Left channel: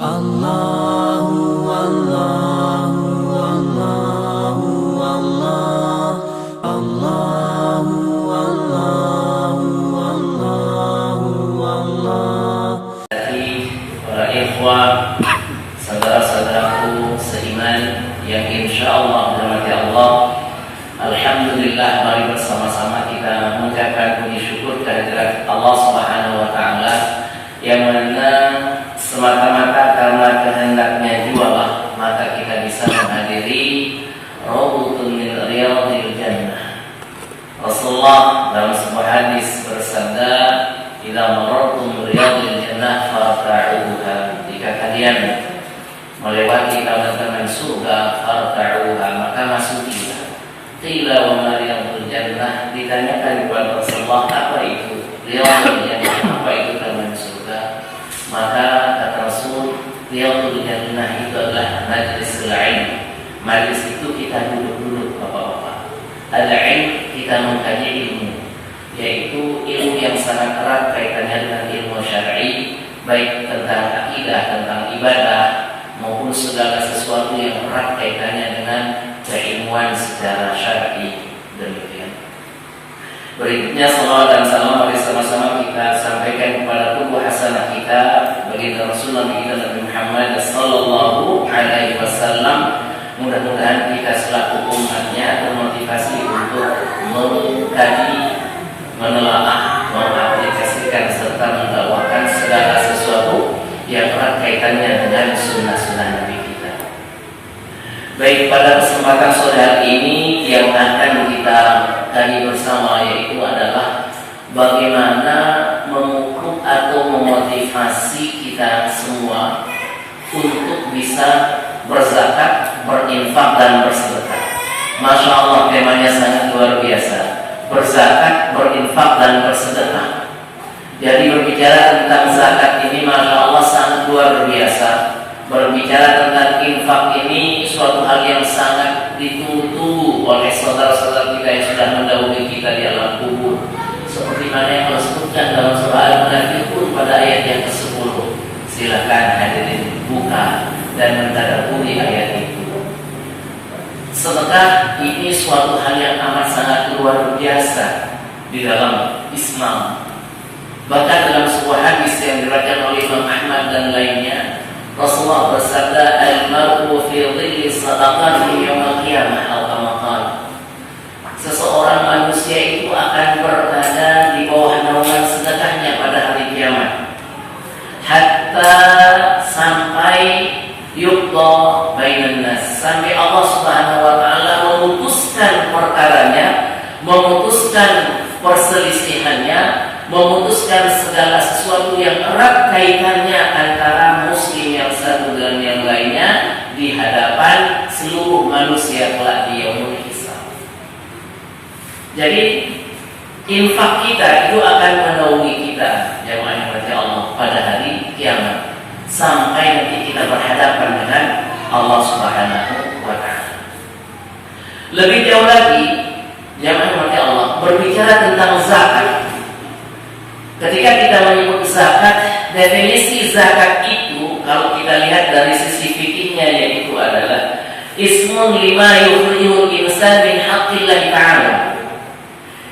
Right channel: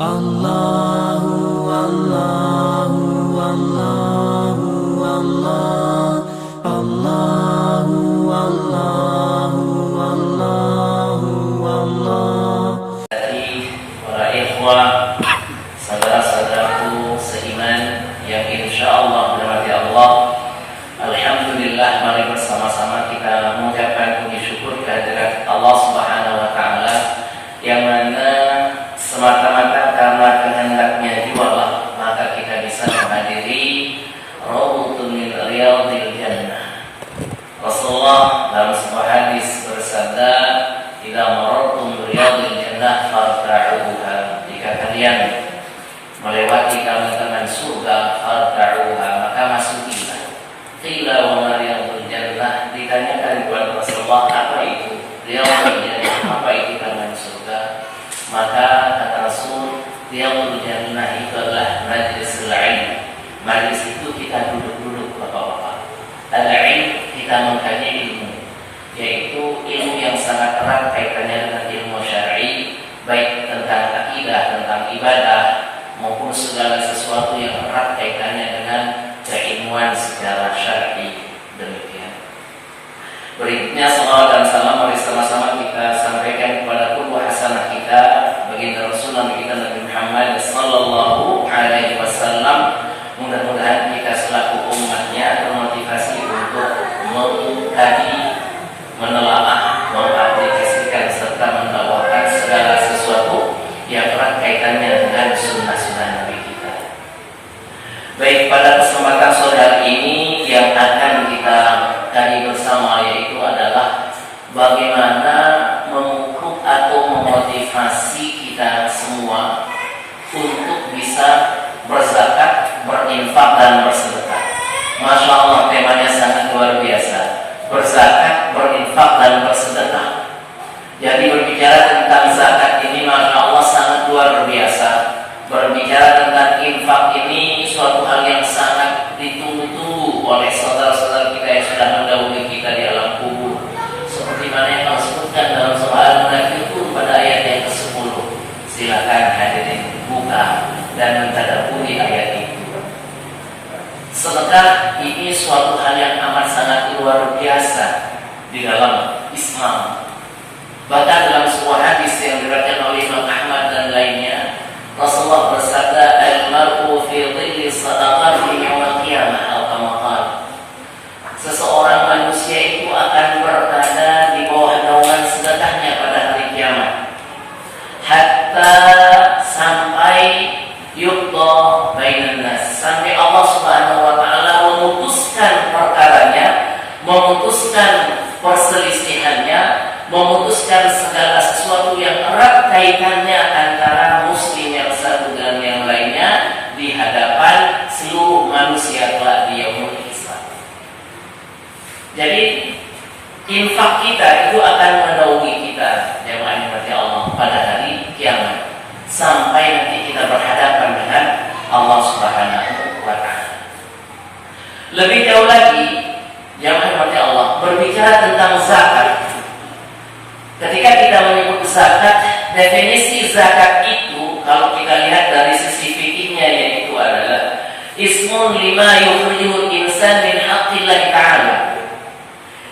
Allahu Allahu Allahu Allah Allahu Allahu Allahu Allah. Dari para ikhwah, saudara-saudaraku seiman yang insyaallah dirahmati Allah, alhamdulillah, mari bersama-sama kita mengucapkan puji syukur kehadirat Allah Subhanahu wa taala yang mana semata-mata karena kehendaknya jualah maka kita bisa menghadiri Raudhatun min Riyadhil Jannah. Rasulullah dalam sebuah hadis bersabda, "Idza marartum bi riyadhil jannah farta'uha." Jika kalian melewati kawanan surga, farta'uha, maka masukilah. Qila wa ma riyadhul jannah, ditanyakan kepada Rasulullah, apa itu riyadhul jannah, apa itu taman surga? Maka kata Rasul, riyadhul jannah itu adalah majlisul ilm. Majlis itu kita duduk-duduk bapak-bapak. Al-ilm, kita mengkaji ilmu, yaitu ilmu yang sangat erat kaitannya dengan ilmu syar'i, baik tentang akidah, tentang ibadah, maupun segala sesuatu yang erat kaitannya dengan keilmuan secara syar'i. Demikian. Berikutnya salawat dan salam mari sama-sama kita sampaikan kepada tubuh hasanah kita, baginda Rasulullah kita Nabi Muhammad sallallahu alaihi wasallam. Mudah-mudahan kita selaku umatnya termotivasi untuk mengkaji, menelaah, mengaplikasikan serta mendakwahkan segala sesuatu yang erat kaitannya dengan sunnah-sunnah Nabi kita. Baik, pada kesempatan sore hari ini yang akan kita kaji bersama yaitu adalah bagaimana memupuk atau memotivasi kita semua untuk bisa berzakat, berinfak dan bersedekah. Masya Allah, temanya sangat luar biasa. Berzakat, berinfak dan bersedekah. Jadi berbicara tentang zakat ini, Masya Allah, sangat luar biasa. Berbicara tentang infak ini suatu hal yang sangat ditunggu-tunggu oleh saudara-saudara kita yang sudah mendahului kita di alam kubur. Seperti mana yang disebutkan dalam surah Al-Munafiqun pada ayat yang ke-10. Silakan hadirin buka dan mentadabburi ayat itu. Sedekah ini suatu hal yang amat sangat luar biasa di dalam Islam. Bahkan dalam sebuah hadis yang diriwayatkan oleh Imam Ahmad dan lainnya, Rasulullah bersabda, "Al-mar'u fi dhilli sadaqatihi yaumil qiyamah," atau kama qala. Seseorang manusia itu akan berada di bawah naungan sedekahnya pada hari kiamat. Hatta sampai yuqda bainan nas, sampai Allah Subhanahu wa taala memutuskan perkaranya, memutuskan perselisihannya, memutuskan segala sesuatu yang erat kaitannya antara muslim yang satu dengan yang lainnya di hadapan seluruh manusia kelak di yaumul hisab. Jadi infak kita itu akan menaungi kita jemaah yang dirahmati Allah pada hari kiamat sampai nanti kita berhadapan dengan Allah Subhanahu wa taala. Lebih jauh lagi jemaah yang dirahmati Allah, berbicara tentang zakat. Ketika kita menyebut zakat, definisi zakat itu kalau kita lihat dari sisi fikihnya yaitu adalah ismun lima yukhrijul insan min haqqillah ta'ala.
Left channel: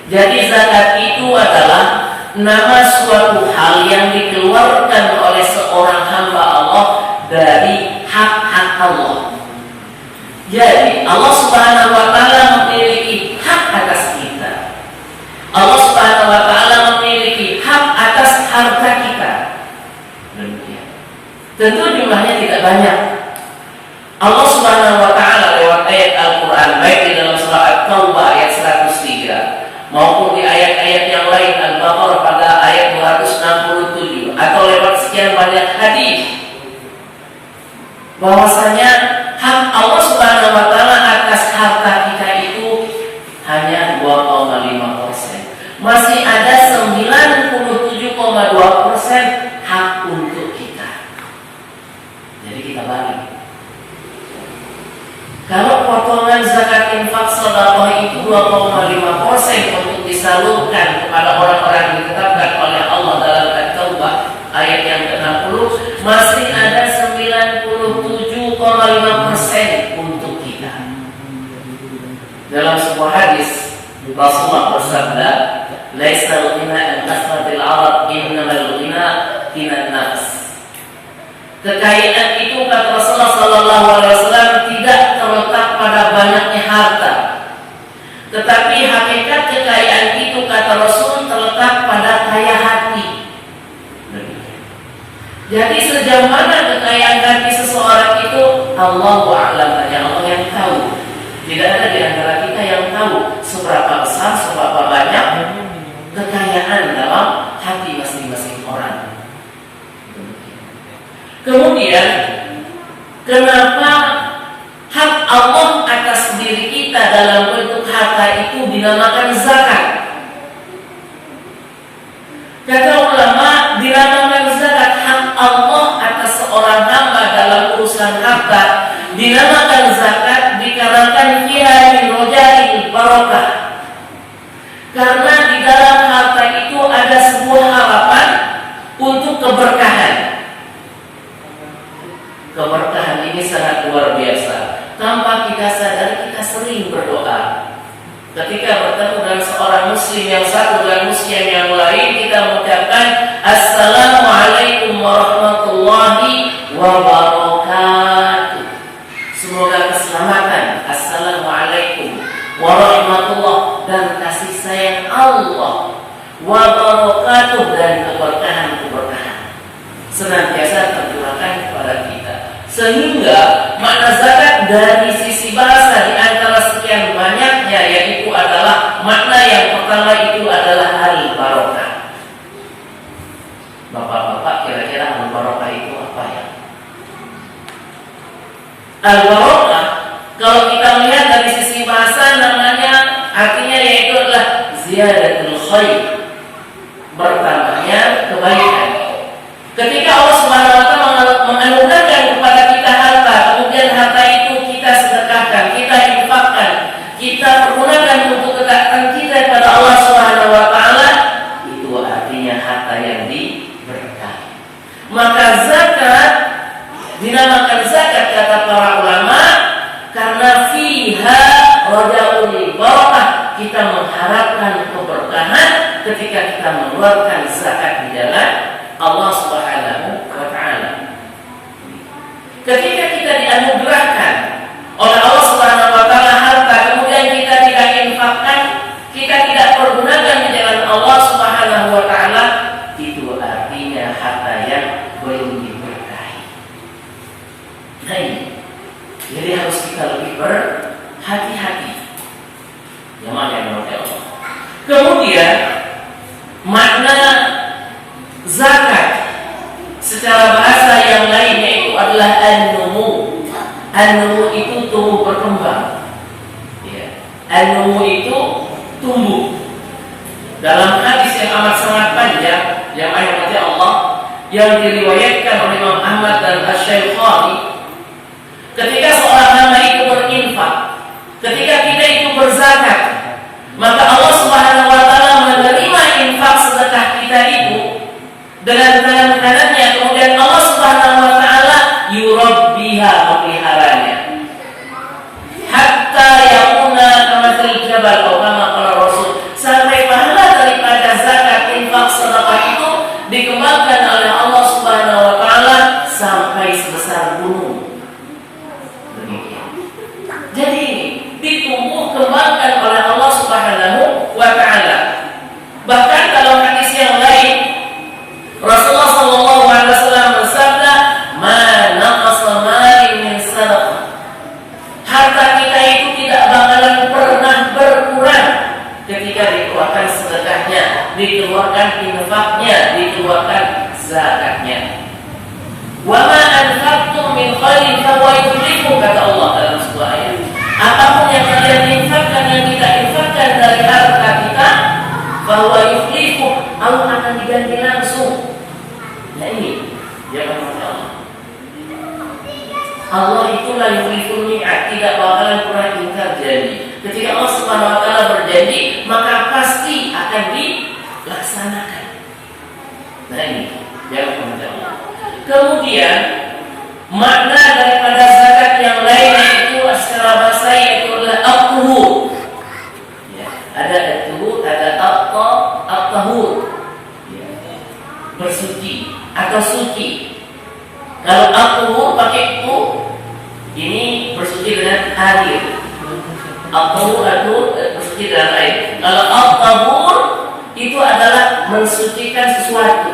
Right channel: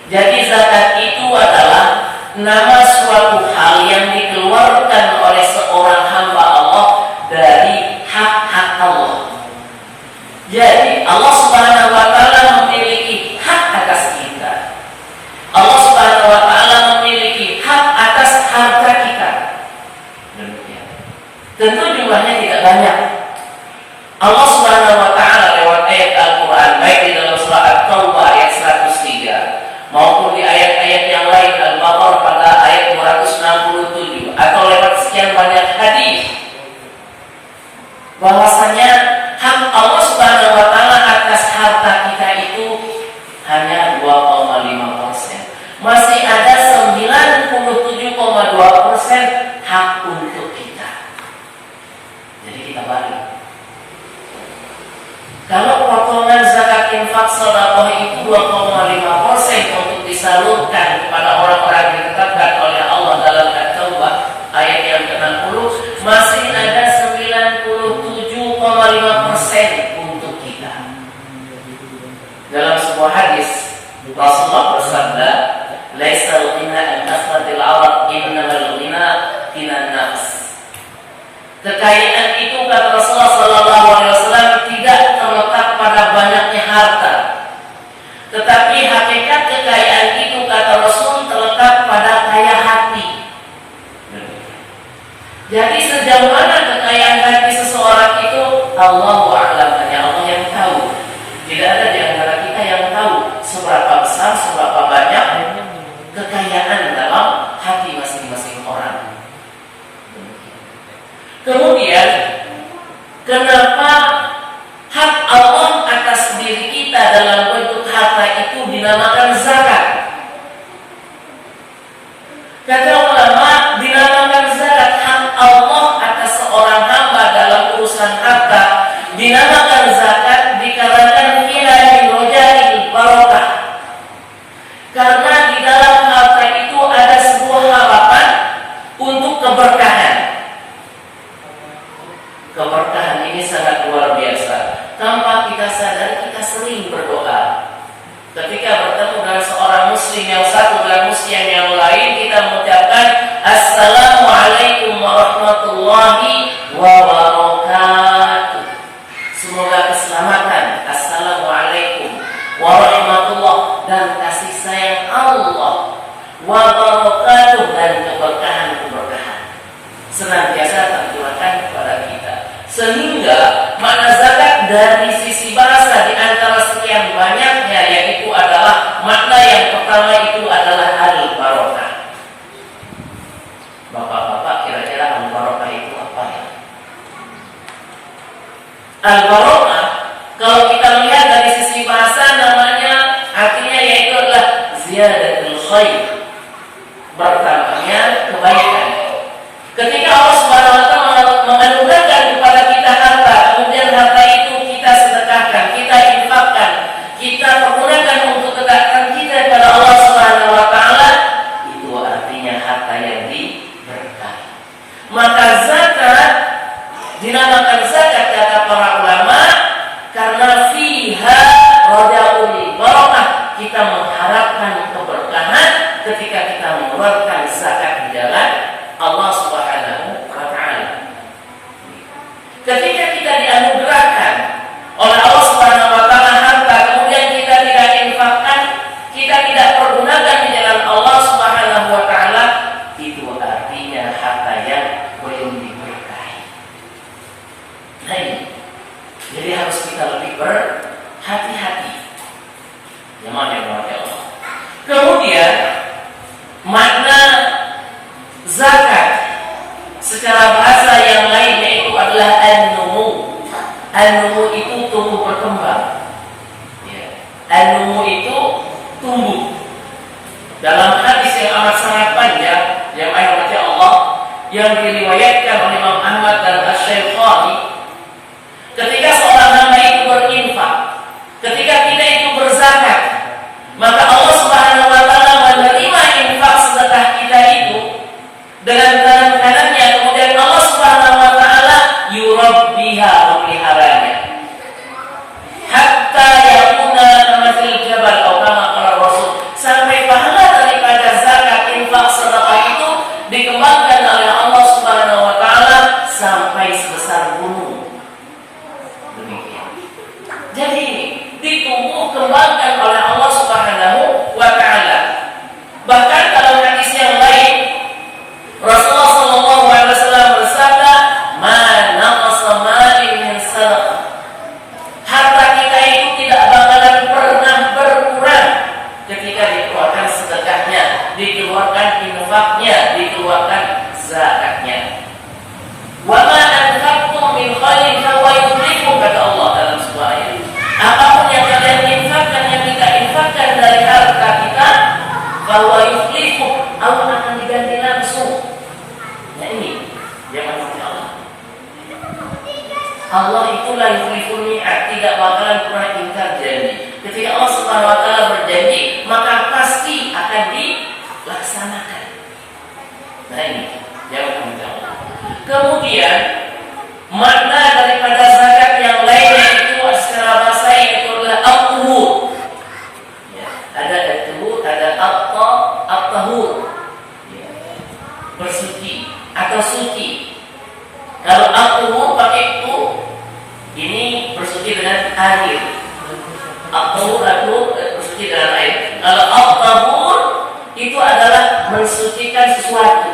Jadi zakat itu adalah nama suatu hal yang dikeluarkan oleh seorang hamba Allah dari hak-hak Allah. Jadi Allah Subhanahu wa taala memiliki hak atas kita. Allah Subhanahu wa taala memiliki hak atas harta kita. Demikian. Tentu jumlahnya tidak banyak. Allah Subhanahu wa taala lewat ayat Al-Qur'an baik di dalam surah At-Taubah ayat 103 maupun di ayat-ayat yang lain Al-Baqarah pada ayat 267 atau lewat sekian banyak hadis bahwasanya hak Allah Subhanahu wa taala atas harta kita itu hanya 2,5%. Masih ada 97,2% hak untuk kita. Jadi kita bagi. Kalau potongan zakat infak sedekah itu 2,5% untuk disalurkan kepada orang-orang yang ditetapkan oleh Allah dalam At-Taubah ayat yang ke-60, masih ada 9 0,5% untuk kita. Dalam sebuah hadis Rasulullah bersabda, "Laisal ghina an kasratil 'arab, innamal ghina ghinan nafs." Kekayaan itu, kata Rasulullah sallallahu alaihi wasallam, tidak terletak pada banyaknya harta. Tetapi hakikat kekayaan itu, kata Rasul, terletak pada kaya hati. Jadi sejauh mana kekayaan hati seseorang itu, Allahu a'lam, hanya Allah yang tahu. Tidak ada di antara kita yang tahu seberapa besar, seberapa banyak kekayaan dalam hati masing-masing orang. Kemudian, kenapa hak Allah atas diri kita dalam bentuk harta itu dinamakan zakat? Kata ulama, dinamakan zakat hak Allah atas seorang hamba dalam urusan harta, dinamakan zakat dikarenakan fiha min rojail barokah. Karena di dalam harta itu ada sebuah harapan untuk keberkahan. Keberkahan ini sangat luar biasa. Tanpa kita sadari, kita sering berdoa. Ketika bertemu dengan seorang muslim yang satu dengan muslim yang lain, kita mengucapkan Assalamualaikum warahmatullahi wabarakatuh. Semoga keselamatan, Assalamualaikum warahmatullahi dan kasih sayang Allah, wabarakatuh dan keberkahan-keberkahan senantiasa tercurahkan kepada kita. Sehingga makna zakat dari sisi bahasa di antara sekian banyaknya, yaitu adalah makna yang pertama itu adalah al-barokah. Bapak-bapak, kira-kira al-barokah itu apa ya? Al-barokah, kalau kita lihat dari sisi bahasa, namanya artinya yaitu adalah ziyadatul khair, bertambahnya kebaikan. Ketika Allah Subhanahu wa taala menganugerahkan kepada kita harta, kemudian harta itu kita sedekahkan, kita infakkan, kita pergunakan untuk ketaatan kita kepada Allah Subhanahu wa taala, itu artinya harta yang diberkahi. Maka zakat dinamakan zakat, kata para ulama, karena fiha rajaul barakah, kita mengharapkan keberkahan ketika kita mengeluarkan zakat di jalan Allah Subhanahu wa taala. Ketika kita dianugerahkan oleh Allah Subhanahu wa taala harta, kemudian kita tidak infakkan, kita tidak pergunakan di jalan Allah Subhanahu wa taala, itu artinya harta yang belum diberkahi. Nah ini, jadi harus kita lebih berhati-hati. Yang mana yang Allah. Kemudian makna zakat secara bahasa yang lain yaitu adalah an-numu. An-numu itu tumbuh berkembang. Ya. An-numu itu tumbuh. Dalam hadis yang amat sangat panjang yang ayat Allah yang diriwayatkan oleh Imam Ahmad dan Asy-Syafi'i, ketika seorang hamba itu berinfak, ketika kita itu berzakat, maka Allah Subhanahu wa taala menerima infak sedekah kita itu dengan tangan kanannya, kemudian Allah Subhanahu wa taala yurabbiha, memeliharanya hatta yakuna kamathil jabal atau kama qala Rasul, sampai pahala daripada zakat infak sedekah itu dikembangkan oleh Allah Subhanahu wa taala sampai sebesar gunung. Demikian. Jadi ditumbuh kembangkan oleh Allah Subhanahu wa taala. Bahkan dalam hadis yang lain Rasulullah sallallahu alaihi wasallam bersabda, "Ma naqasa malin min sadaqah." Harta kita itu tidak bakalan pernah berkurang ketika dikeluarkan sedekahnya, dikeluarkan infaknya, dikeluarkan zakatnya. "Wa ma anfaqtum min khairin fahuwa yukhlifu," kata Allah dalam sebuah ayat. Apapun yang kalian infakkan, yang kita infakkan dari harta kita, fahuwa yukhlifu, Allah akan diganti langsung. Nah ini yang Allah. Allah itulah yukhliful mi'ad, tidak bakalan pernah ingkar janji. Ketika Allah Subhanahu wa taala berjanji, maka pasti akan dilaksanakan. Nah ini yang Allah. Kemudian makna daripada zakat Kalau at-tuhur pakai tu, ini bersuci dengan air. At-tuhur bersuci dengan air. Kalau at-tahur itu adalah mensucikan sesuatu.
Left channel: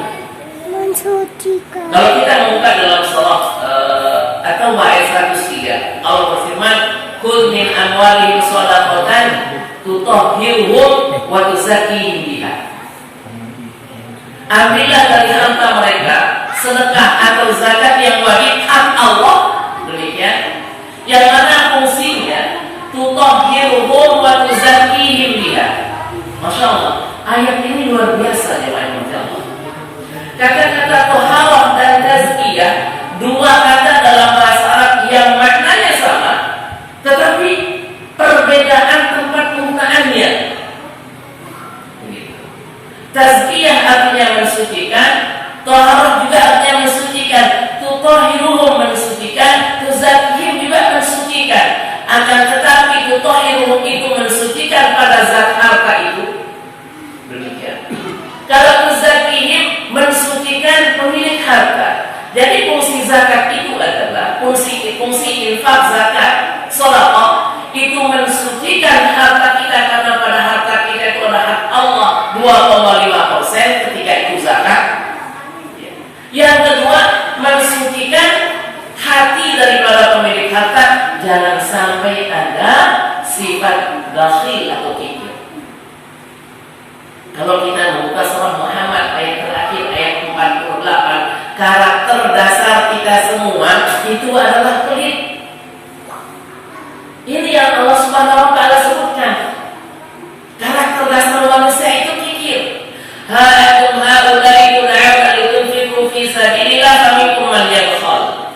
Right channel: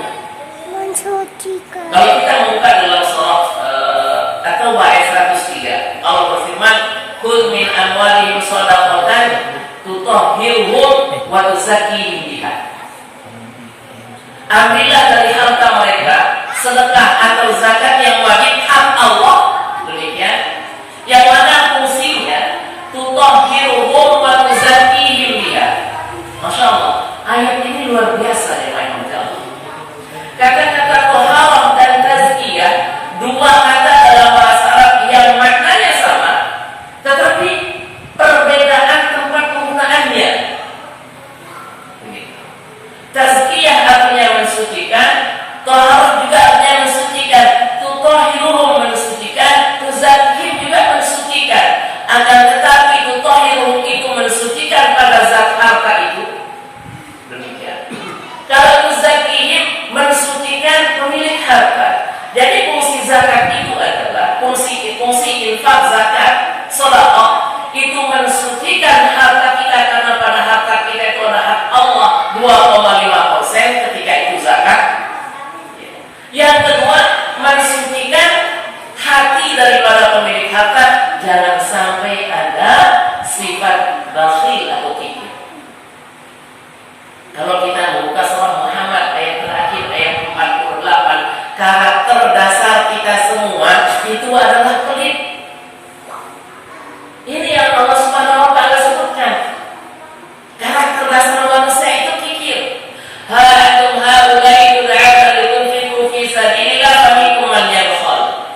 Mensucikan. Kalau kita membuka dalam surah atau ayat 103, Allah berfirman, "Khudh min amwalihim shadaqatan tutahhiruhum wa tuzakkihim biha." Ambillah dari harta mereka sedekah atau zakat yang wajib hak Allah, demikian, yang mana fungsinya tutahhiruhum wa tuzakkihim biha. Masya Allah, ayat ini luar biasa ya Allah. Kata-kata toharah dan tazkiyah, dua kata dalam bahasa Arab yang maknanya sama, tetapi perbedaan tempat penggunaannya. Tazkiyah artinya mensucikan, toharah juga artinya mensucikan, tutahhiruhum mensucikan, tuzakkihim juga mensucikan. Akan tetapi tutahhiruhum itu mensucikan pada zat harta itu. Demikian. Kalau tuzakkihim mensucikan pemilik harta. Jadi fungsi zakat itu adalah fungsi infak zakat, sedekah itu mensucikan harta kita, karena pada harta kita itu ada hak Allah 2,5% ketika itu zakat. Yang kedua, mensucikan hati daripada pemilik harta, jangan sampai ada sifat bakhil atau kikir. Kalau kita membuka surah Muhammad ayat terakhir ayat 48, karakter dasar kita semua itu adalah pelit. Ini yang Allah Subhanahu wa taala sebutkan. Karakter dasar manusia itu kikir. Ha'antum haula'i tud'auna litunfiqu fi sabilillah faminkum man yabkhal.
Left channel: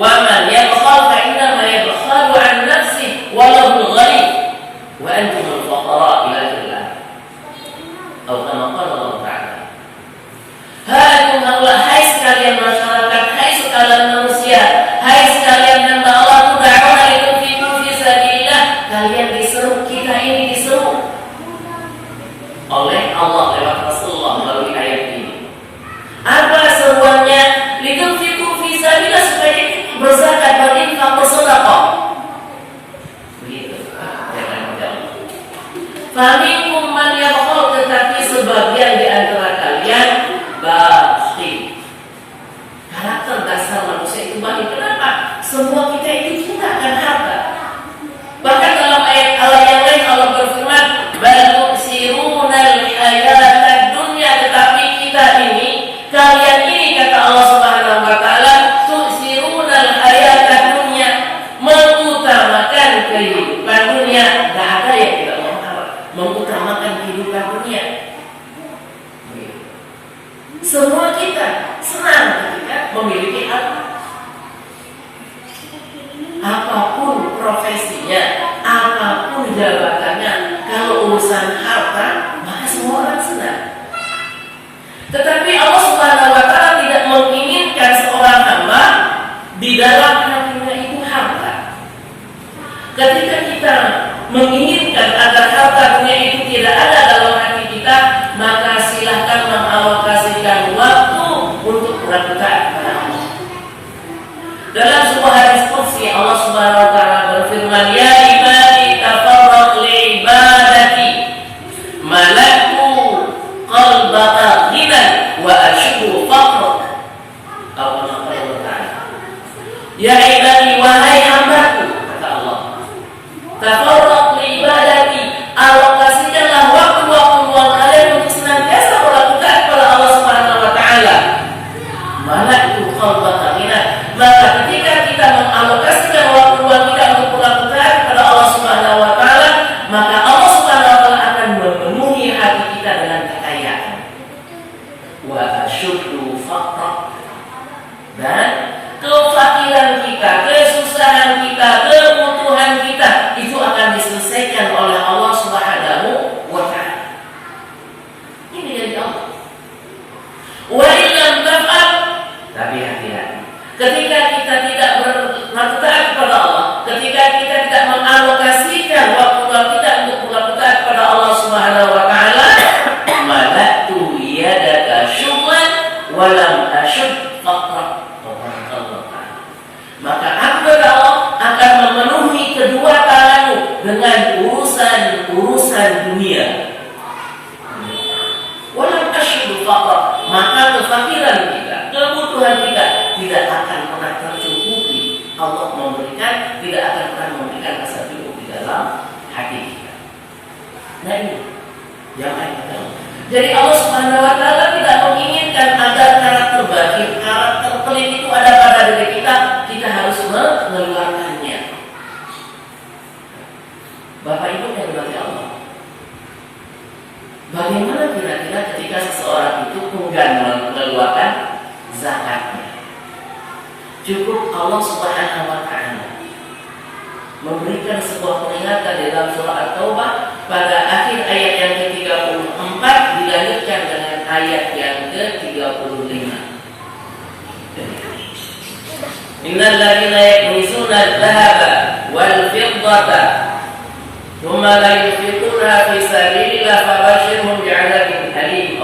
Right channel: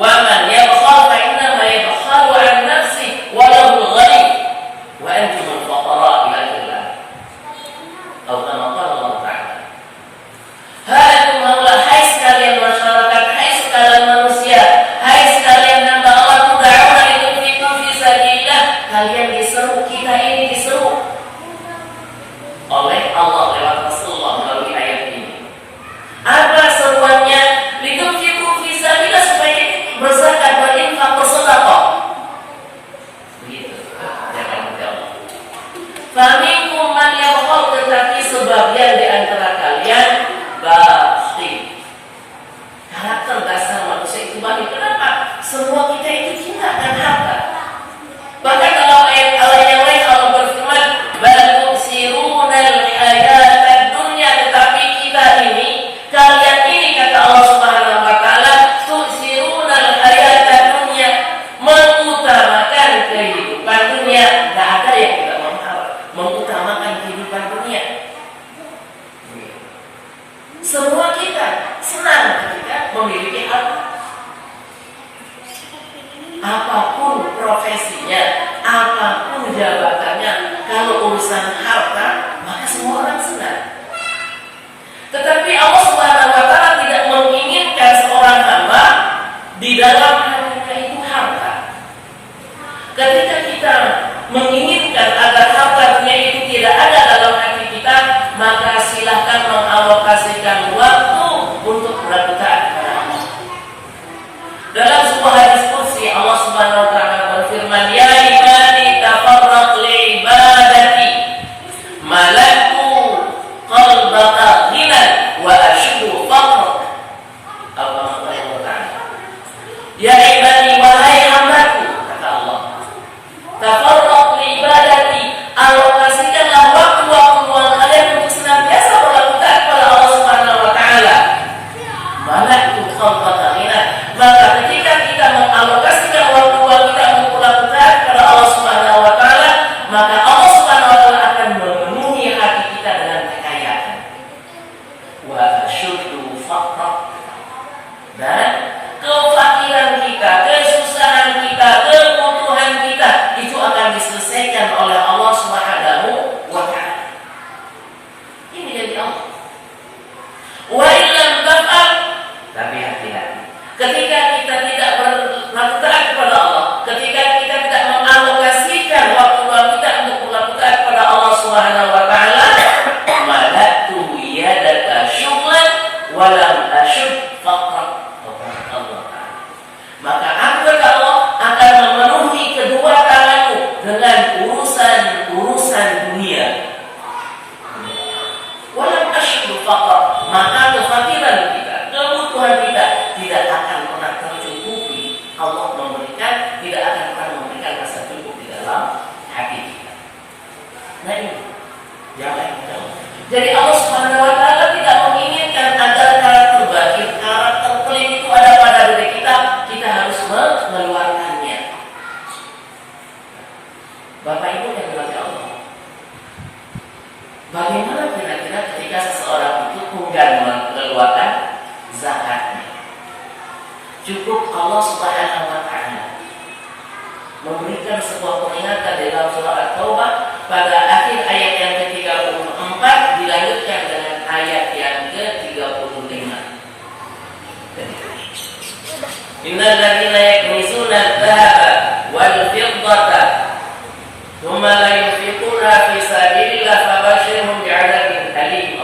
Wa man yabkhal fa innama yabkhalu 'an nafsihi wa lahu al-ghani wa antum al-fuqara ila Allah. Atau kama qala Allah Ta'ala. Ha'antum haula'i, hai sekalian masyarakat, hai sekalian manusia, hai sekalian hamba Allah, tud'auna litunfiqu fi sabilillah, kalian diseru, kita ini diseru oleh Allah lewat Rasulullah melalui ayat ini. Apa seruannya? Litunfiqu fi sabilillah, supaya berzakat, berinfak, bersedekah. Begitu. Jangan menjawab. Faminkum man yabkhal, tetapi sebagian di antara kalian bakhil. Karakter dasar manusia itu bakhil. Kenapa? Semua kita itu cinta akan harta. Bahkan dalam ayat Allah yang lain Allah berfirman, bal tu'sirunal hayatad dunya, tetapi kita ini, kalian ini, kata Allah Subhanahu wa taala, tu'sirunal hayatad dunya, mengutamakan kehidupan dunia. Enggak ada yang tidak mengutamakan kehidupan dunia. Semua kita senang ketika memiliki harta. Apapun profesinya, apapun jabatannya, kalau urusan harta, maka semua orang senang. Tetapi Allah Subhanahu wa taala tidak menginginkan seorang hamba di dalam hatinya itu harta. Ketika kita menginginkan agar harta dunia itu tidak ada dalam hati kita, maka silahkan mengalokasikan waktu untuk berbuat. Dalam sebuah hadis qudsi Allah Subhanahu wa taala berfirman, ya ibadi tafarraq li ibadati malaktu qalbaka ghinan wa ashku faqr. Allah Taala, ya ibadi, wahai hambaku, kata Allah, tafarraq li ibadati, alokasikanlah waktu-waktu luang kalian untuk senantiasa berbuat kepada Allah Subhanahu wa taala. Malaktu qalbaka ghinan, maka ketika kita mengalokasikan waktu luang kita untuk berbuat kepada Allah Subhanahu wa taala, maka Allah Subhanahu wa taala akan memenuhi hati kita dengan kekayaan. Wa asyuddu faqra, dan kefakiran kita, kesusahan kita, kebutuhan kita itu akan diselesaikan oleh Allah Subhanahu wa taala. Ini dari Allah. Wa illam taf'al, tapi hati-hati. Ketika kita tidak berbuat tidak akan pernah memberikan rasa cukup di dalam hati kita. Nah ini yang kita. Jadi Allah Subhanahu wa taala tidak menginginkan agar karakter batin, karakter pelit itu ada pada diri kita. Kita harus mengeluarkannya. Bapak Ibu yang dirahmati Allah. Bagaimana kira-kira ketika seseorang itu enggan mengeluarkan zakatnya? Cukup Allah Subhanahu wa taala memberikan sebuah peringatan dalam surah At-Taubah pada akhir ayat yang ke-34 dilanjutkan dengan ayat yang ke-35. Innal ladzina yaknizuna adh-dhahaba wal fiddata thumma la yunfiquna fi sabilillah fabashshirhum bi'adzabin alim.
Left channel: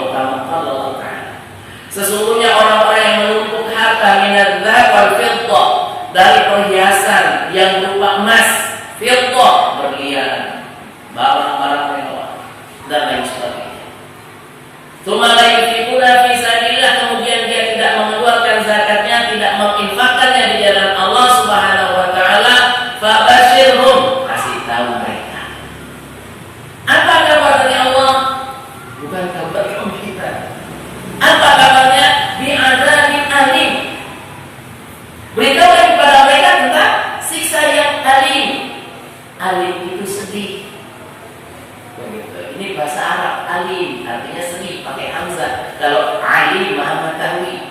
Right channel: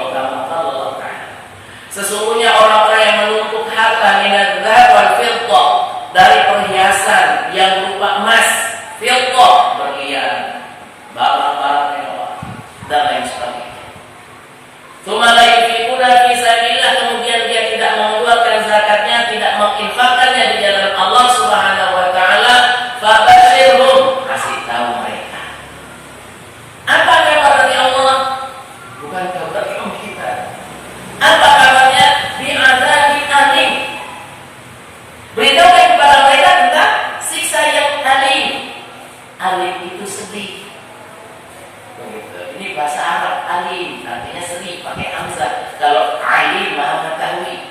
Sesungguhnya orang-orang yang menumpuk harta minadz-dzahab wal fiddah, dari perhiasan yang berupa emas, fiddah berlian, barang-barang mewah dan lain sebagainya. Tsumma la yunfiquna fi sabilillah, kemudian dia tidak mengeluarkan zakatnya, tidak menginfakkannya di jalan Allah Subhanahu wa taala, fabashshirhum, kasih tahu mereka. Apa kabar dari Allah? Bukan kabar kita. Apa kabarnya? Bi'adzabin alim. Beritahukan kepada mereka tentang siksa yang alim. Alim itu sedih. Ini bahasa Arab, alim artinya sedih, pakai hamzah. Kalau alim maha mengetahui.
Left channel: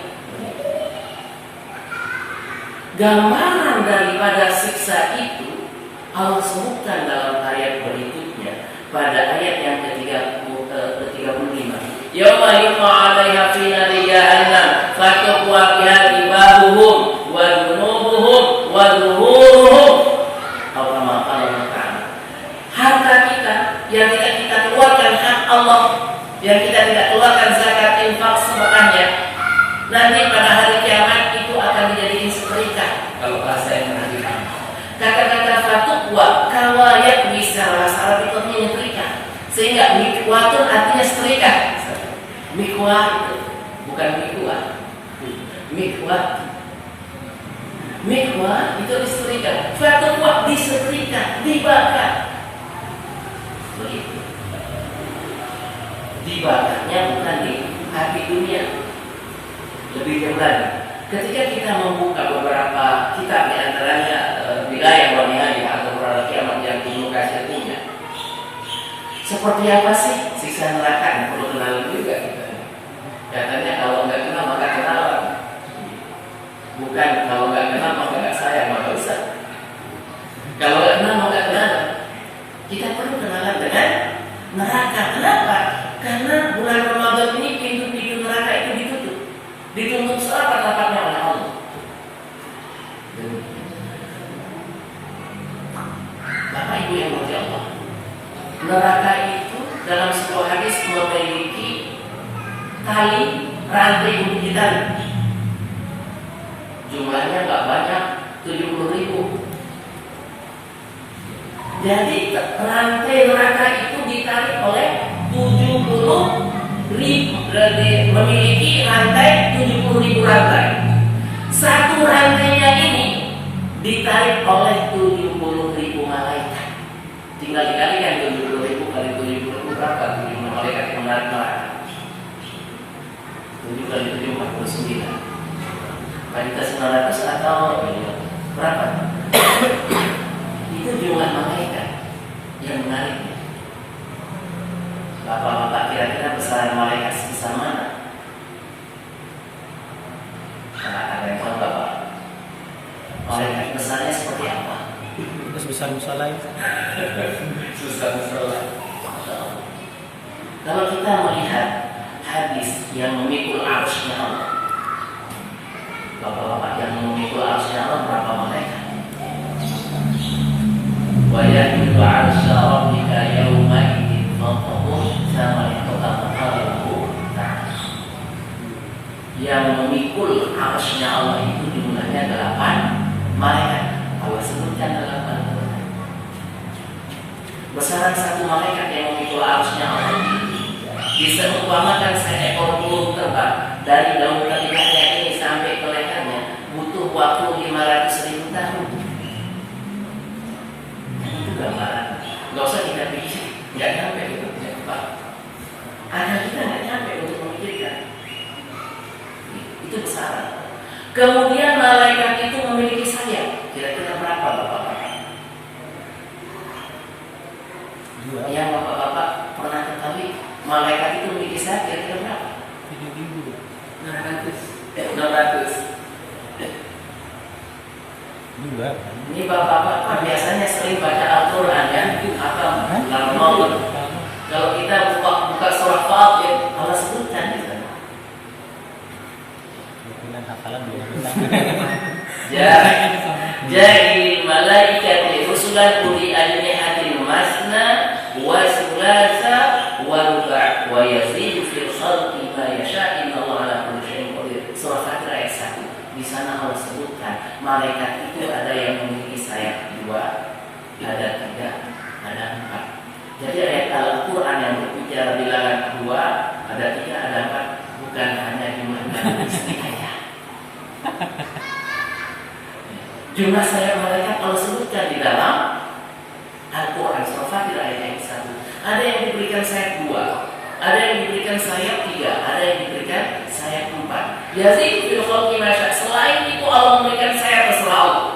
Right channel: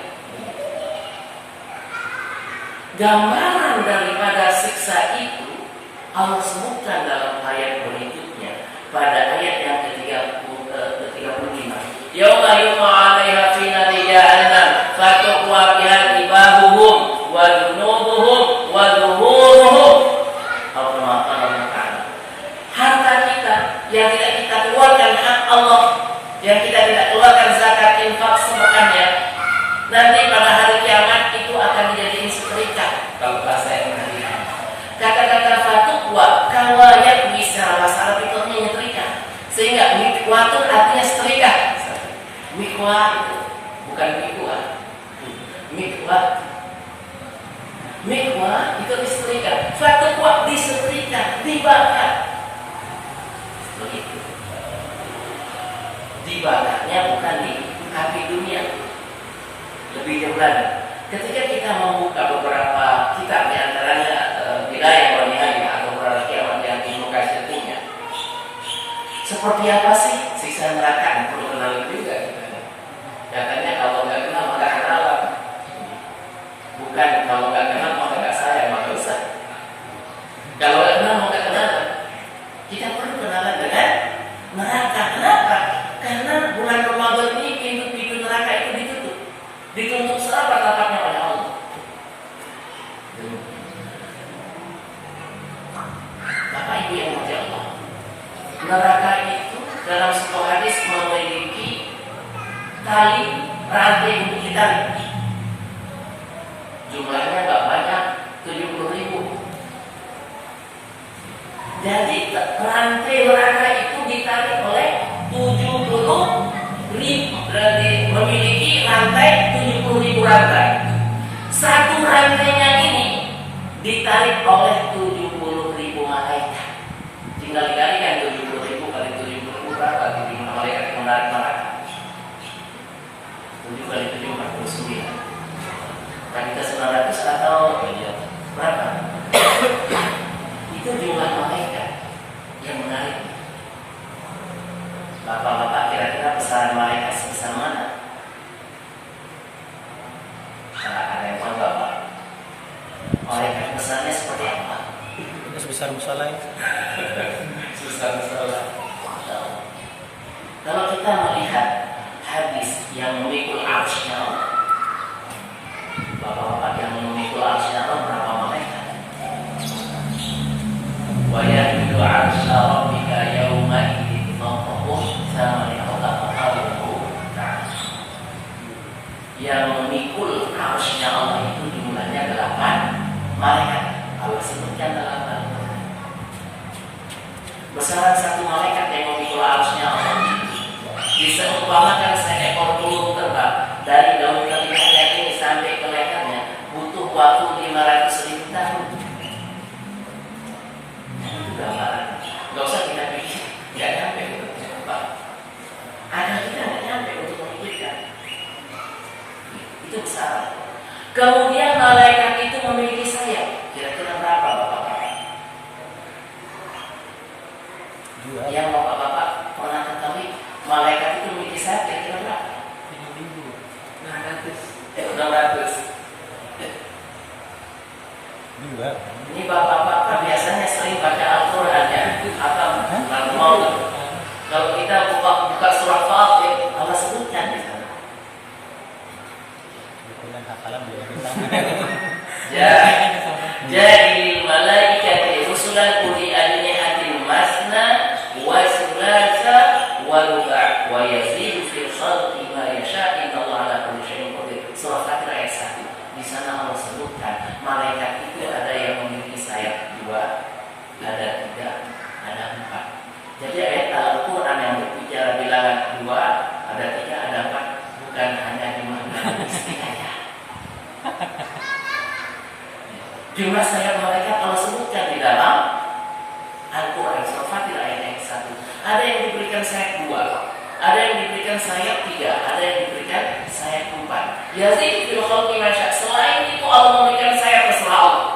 Gambaran daripada siksa itu Allah sebutkan dalam ayat berikutnya pada ayat yang ke-35. Yauma yuqa'u 'alaiha fi nari jahannam fatuqwa biha jibahuhum wa junubuhum wa zuhuruhum. Harta kita yang tidak kita keluarkan hak Allah, yang kita tidak keluarkan zakat infak sedekahnya, nanti pada hari kiamat itu akan dijadikan setrika. Kalau bahasa yang menarikkan, kata-kata fatuqwa kawayat bisa bahasa Arab itu artinya setrika, sehingga mikwatun artinya setrika. Mikwat itu bukan mikwat. Mikwat itu disetrika. Fatuqwa disetrika, dibakar. Begitu. Dibakarnya bukan di api dunia. Lebih jauh. Ketika kita membuka beberapa kitab, di antaranya Bidayah wa Nihayah atau Qur'an Kiamat yang dibuka setinya, seperti apa sih siksa neraka? Perlu kenal juga. Katanya kalau nggak kenal maka kenalan. Bukan kalau nggak kenal maka nggak sayang, maka usah. Kalau nggak kenal maka kenalan. Kita perlu kenalan dengan neraka. Kenapa? Karena bulan Ramadan ini pintu-pintu neraka itu ditutup. Ditutup serapat-rapatnya oleh Allah. Bapak Ibu yang dimuliakan Allah, neraka itu dalam sebuah hadis memiliki tali rantai untuk ditarik. Jumlahnya nggak banyak, 70.000. Jadi rantai neraka itu ditarik oleh 70.000, memiliki rantai 70.000 rantai. Satu rantainya ini ditarik oleh 70.000 malaikat. Tinggal dikalikan 70.000 kali 70.000 berapa? 70 malaikat yang menarik neraka. 7 kali 7 49. Tadi kita 900 atau berapa? Itu jumlah malaikat yang menarik. Bapak-bapak kira-kira besaran malaikat sebesar mana? Nah, ada yang tahu Bapak? Malaikat besarnya seperti apa? Sebesar musola. Sebesar musola. Kalau kita melihat hadis yang memikul arsy-Nya Allah, bapak-bapak yang memikul arsy-Nya Allah berapa malaikat? Wa yahmilu arsya rabbika yawma idzin fawqahum thamaniyatu aqtabu. Yang memikul arsy-Nya Allah itu jumlahnya 8 malaikat. Allah sebutkan dalam Al-Quran. Besaran satu malaikat yang memikul arsy-Nya Allah bisa mengumpamakan seekor burung terbang dari daun telinganya ini sampai ke lehernya butuh waktu 500.000 tahun. gambaran. Nggak usah kita pikir, nggak nyampe itu tidak kebal. Ada kita nggak nyampe untuk memikirkan. Itu besar. Kemudian malaikat itu memiliki sayap. Kira-kira berapa bapak-bapak? Yang bapak-bapak pernah ketahui malaikat itu memiliki sayap kira-kira berapa? 600. Ini bapak-bapak biasanya sering baca Al-Quran ya, atau mau kalau kita buka surah Fatir, Allah sebutkan di sana. Hafalan belum bisa. Jadi malaikati rusulan uli ajnihatin masna wa sulasa wa ruba' wa yazidu fil khalqi ma yasha' innallaha ala kulli syai'in qadir. Surah Fatir ayat 1. Di sana Allah sebutkan malaikat itu ada yang memiliki sayap 2, ada 3, ada 4. Jadi ayat Al-Quran yang berbicara bilangan 2, ada 3, ada 4 bukan hanya jumlah istilahnya. Jumlah sayap malaikat Allah sebutkan di dalam Al-Quran surah Fatir ayat 1. Ada yang diberikan sayap 2, ada yang diberikan sayap 3, ada yang diberikan sayap 4. Yazid fil khalqi ma syaa. Selain itu Allah memberikan sayap terserah Allah.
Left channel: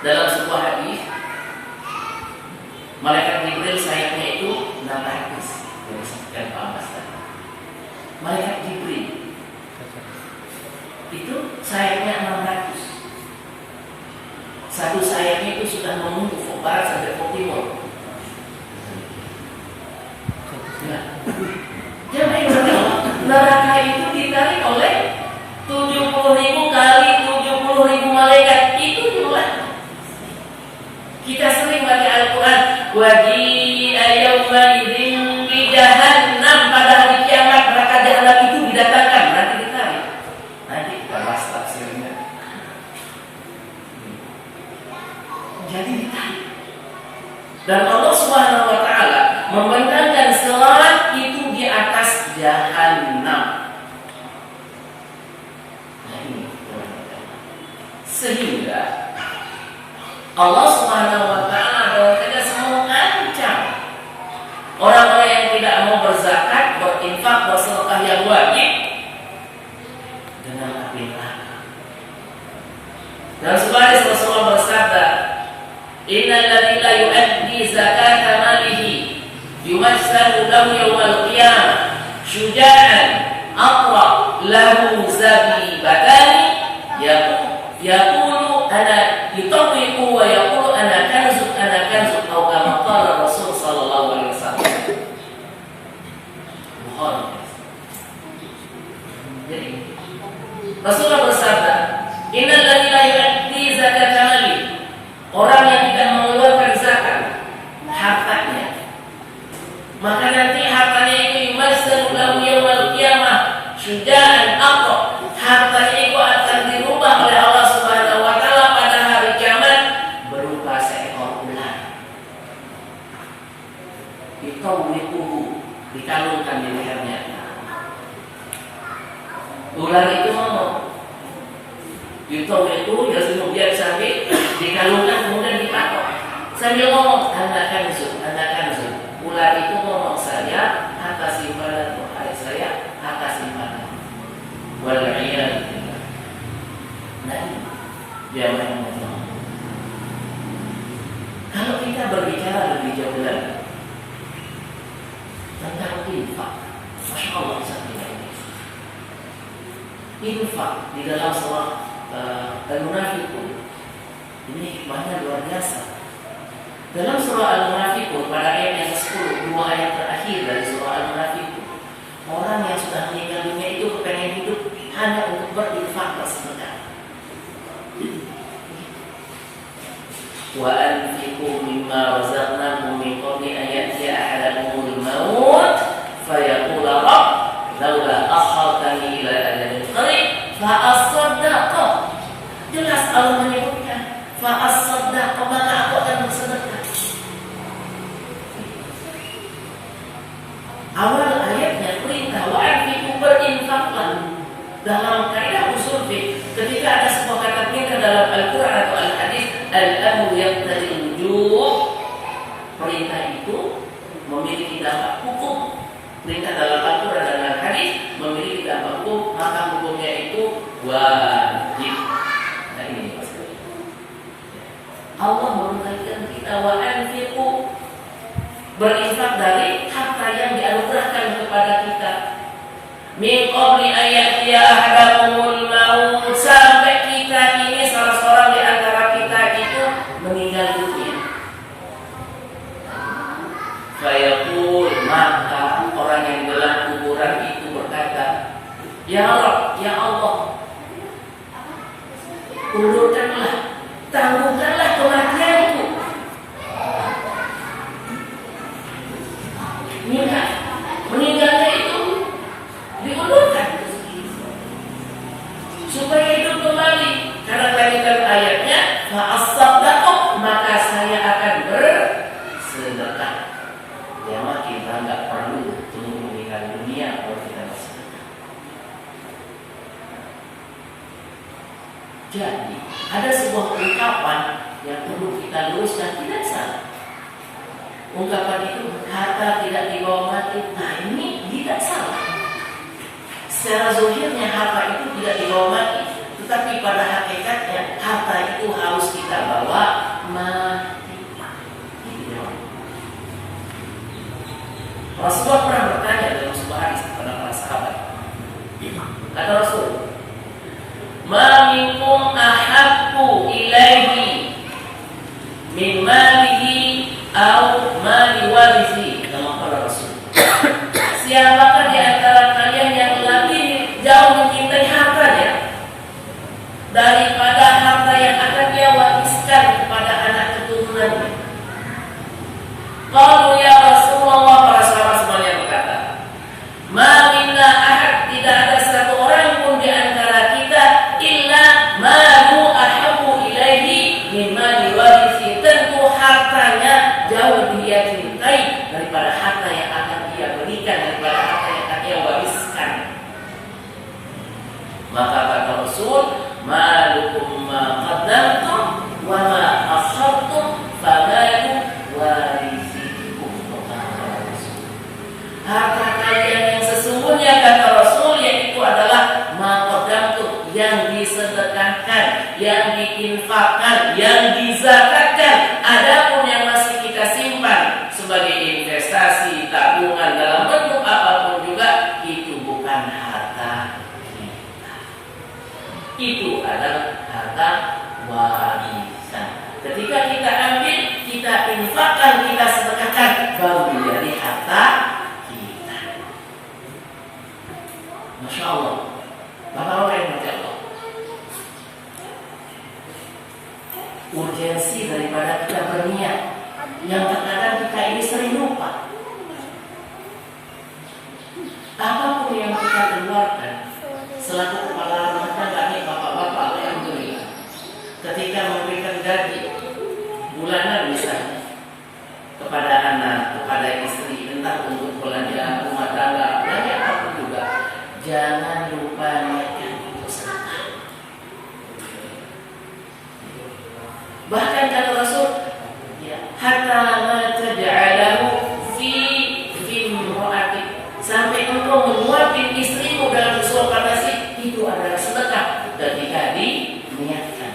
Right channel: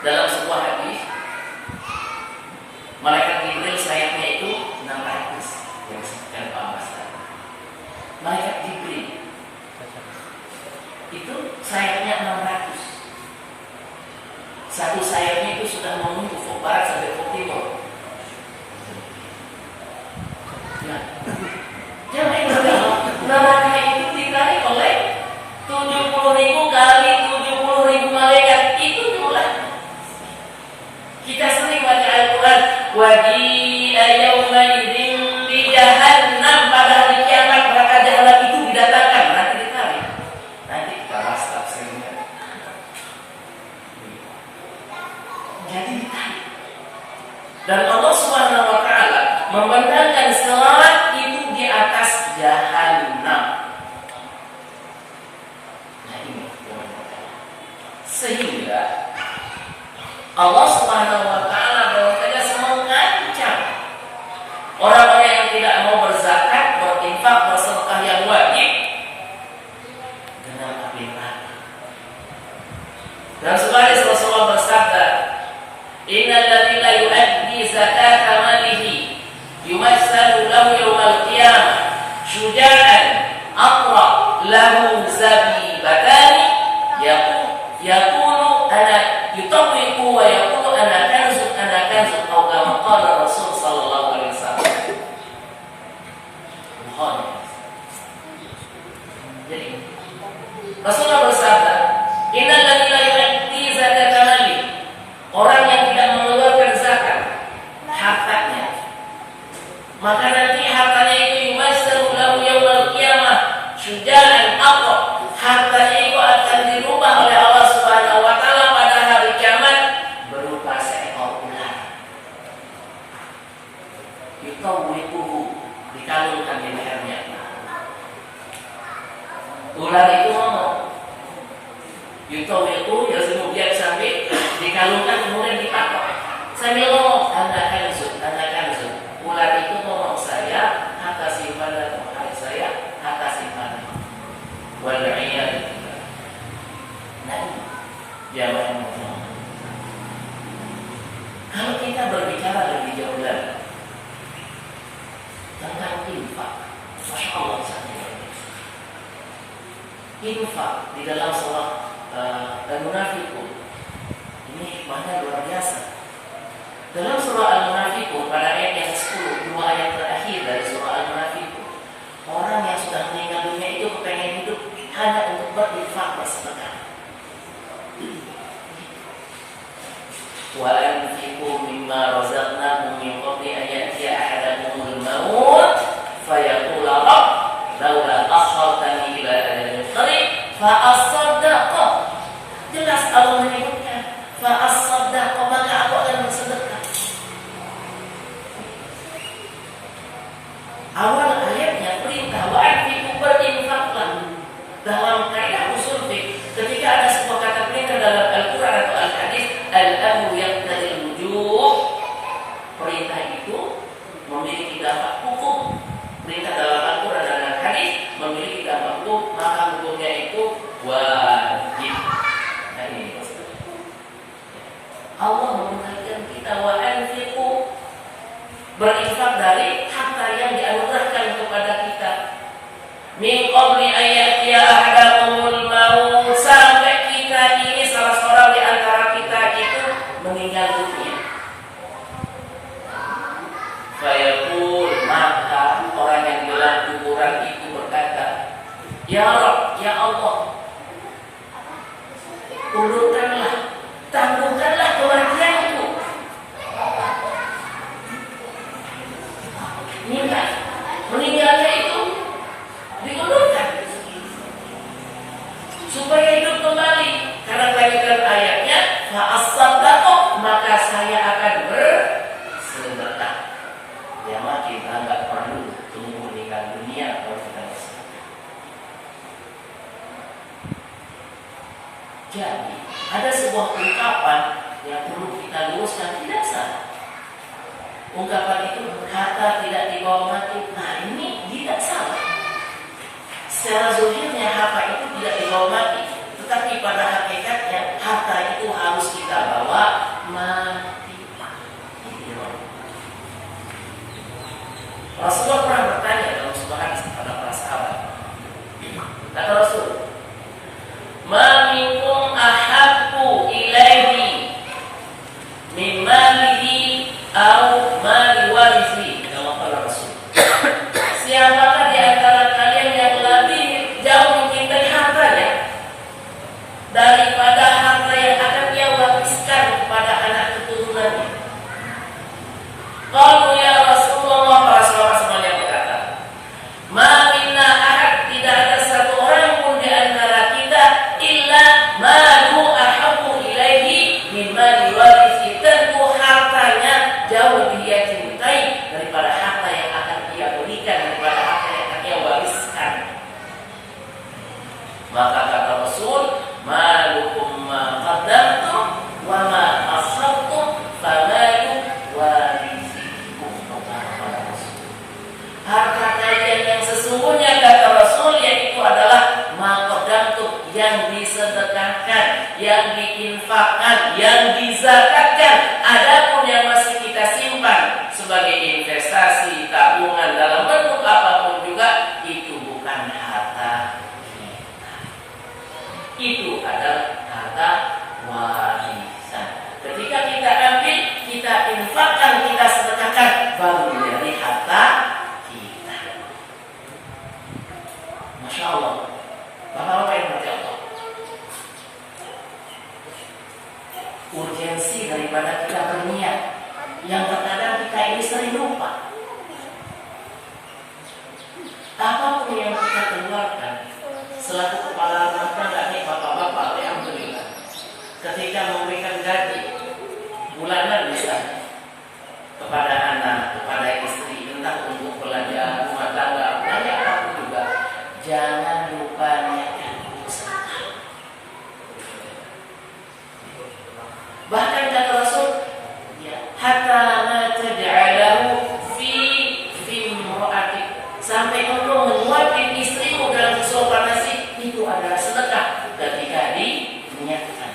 Dalam sebuah hadis malaikat Jibril sayapnya itu 600 yang disebutkan Pak Abbas. Malaikat Jibril itu sayapnya 600. Satu sayapnya itu sudah menunggu ufuk barat sampai ufuk timur. Nah, jadi neraka itu ditarik oleh 70.000 kali 70.000 malaikat. Itu jumlahnya. Kita sering baca Al-Quran, waji'a yawma idzin bi jahannam, pada hari kiamat neraka jahanam itu didatangkan, nanti ditarik. Nanti kita bahas tafsirnya. Jadi ditarik. Dan Allah Subhanahu wa taala membentangkan selat itu di atas jahanam. Nah ini sehingga Allah Subhanahu wa taala bahwasanya mengancam orang-orang yang tidak mau berzakat, berinfak, bersedekah yang wajib dengan api neraka. Dan sebagai Rasulullah bersabda, innal ladzina yu'addi zakata malihi yumassalu lahu yawmal qiyamah syuja'an aqra lahu zabibatani yaqulu ana yutawwiqu wa yaqulu ana kanzun atau kama qala Rasul sallallahu alaihi wasallam. Bukhari. Jadi Rasulullah bersabda, innal ladzina yu'addi zakata malihi, orang yang tidak mengeluarkan zakat hartanya, maka nanti hartanya itu yumassalu lahu yawmal qiyamah syuja'an aqra. Hartanya itu akan dirubah oleh Allah Subhanahu wa taala pada hari kiamat berupa seekor ular. Yutawwiquhu, dikalungkan di lehernya. Ular itu ngomong. Yutawwiquhu, yasmu biar sampai dikalungkan kemudian dipatok. Saya ngomong, anak kanzun. Ular itu ngomong, saya harta simpanan, saya harta simpanan. Wal'iyad. Nah, dia ngomong. Kalau kita berbicara lebih jauh lagi tentang infak, masya Allah infak di dalam surah Al-Munafiqun ini hikmahnya luar biasa. Dalam surah Al-Munafiqun pada ayat yang 10, 2 ayat terakhir dari surah Al-Munafiqun, orang yang sudah meninggal dunia itu kepengen hidup hanya untuk berinfak, bersedekah. Wa anfiqu mimma razaqnakum min qabli an ya'tiya ahadakumul maut fayaqula rabb laula akhartani ila ajalin qarib fa asaddaqa. Jelas Allah menyebutkan fa asaddaqa, maka aku akan bersedekah. Awal ayatnya perintah wa anfiqu, berinfaklah. Dalam kaidah usul fiqh, ketika ada sebuah kata perintah dalam Al-Quran atau Al-Hadis, al-amru yaqtadil wujub, perintah dalam Al-Quran dan hadis memiliki dampak hukum, maka hukumnya itu wajib. Nah ini maksudnya. Allah memerintahkan kita wa anfiqu, berinfak dari harta yang dianugerahkan kepada kita. Min qabli ayatiya ahadakumul maut, sampai kita ini salah seorang di antara kita itu meninggal dunia. Fayaqul, maka orang yang dalam kuburan itu berkata, Ya Rabb, Ya Allah, ulurkanlah, tangguhkanlah kematianku. Minta meninggalnya itu diulurkan supaya hidup kembali. Karena lanjutan ayatnya, fa'as-saddaqah, maka saya akan bersedekah. Ya, kita nggak perlu tunggu meninggal dunia kalau kita bersedekah. Jadi ada sebuah ungkapan yang perlu kita luruskan, tidak salah. Ungkapan itu harta tidak dibawa mati. Nah ini tidak salah. Secara zahirnya harta itu tidak dibawa mati, tetapi pada hakikatnya harta itu harus kita bawa mati. Rasulullah pernah bertanya dalam sebuah hadis kepada para sahabat. Kata Rasul, Ma minkum ahabbu ilaihi min malihi au mali warisi. Kama qala Rasul. Siapakah di antara kalian yang lebih jauh mencintai hartanya daripada harta yang akan dia wariskan kepada anak keturunannya? Qalu ya Rasulullah, para sahabat semuanya berkata, Ma minna ahad, tidak ada satu orang pun di antara kita illa malu ahabbu ilaihi mimma diwarisi. Tentu hartanya jauh dia cintai daripada harta yang akan dia berikan, daripada harta yang akan dia wariskan. Maka kata Rasul, malukum ma qaddamtum wa ma akhartum famalu warisikum. Harta kalian yang sesungguhnya, kata Rasul, yaitu adalah ma qaddamtum, yang disedekahkan, yang diinfakkan, yang dizakatkan. Adapun yang masih kita simpan sebagai investasi, tabungan dalam bentuk apapun juga, itu bukan harta kita. Itu adalah harta warisan. Ketika kita ambil, kita infakkan, kita sedekahkan, baru menjadi harta kita. Masya Allah. Bapak-bapak yang mati Allah, urgensi daripada kita berniat yang terkadang kita ini sering lupa. Apapun yang kita keluarkan selaku kepala rumah tangga nih, bapak-bapak, alhamdulillah, ketika memberikan gaji bulanan misalnya kepada anak, kepada istri, entah untuk belanja rumah tangga, belanja apapun juga, jangan lupa niatkan untuk sedekah. Bahkan kata Rasul, ya, hatta ma taj'alahu fi imra'atik, sampai engkau mengeluarkan istrimu dalam sesuatu nasi, itu adalah sedekah ketika diniatkan.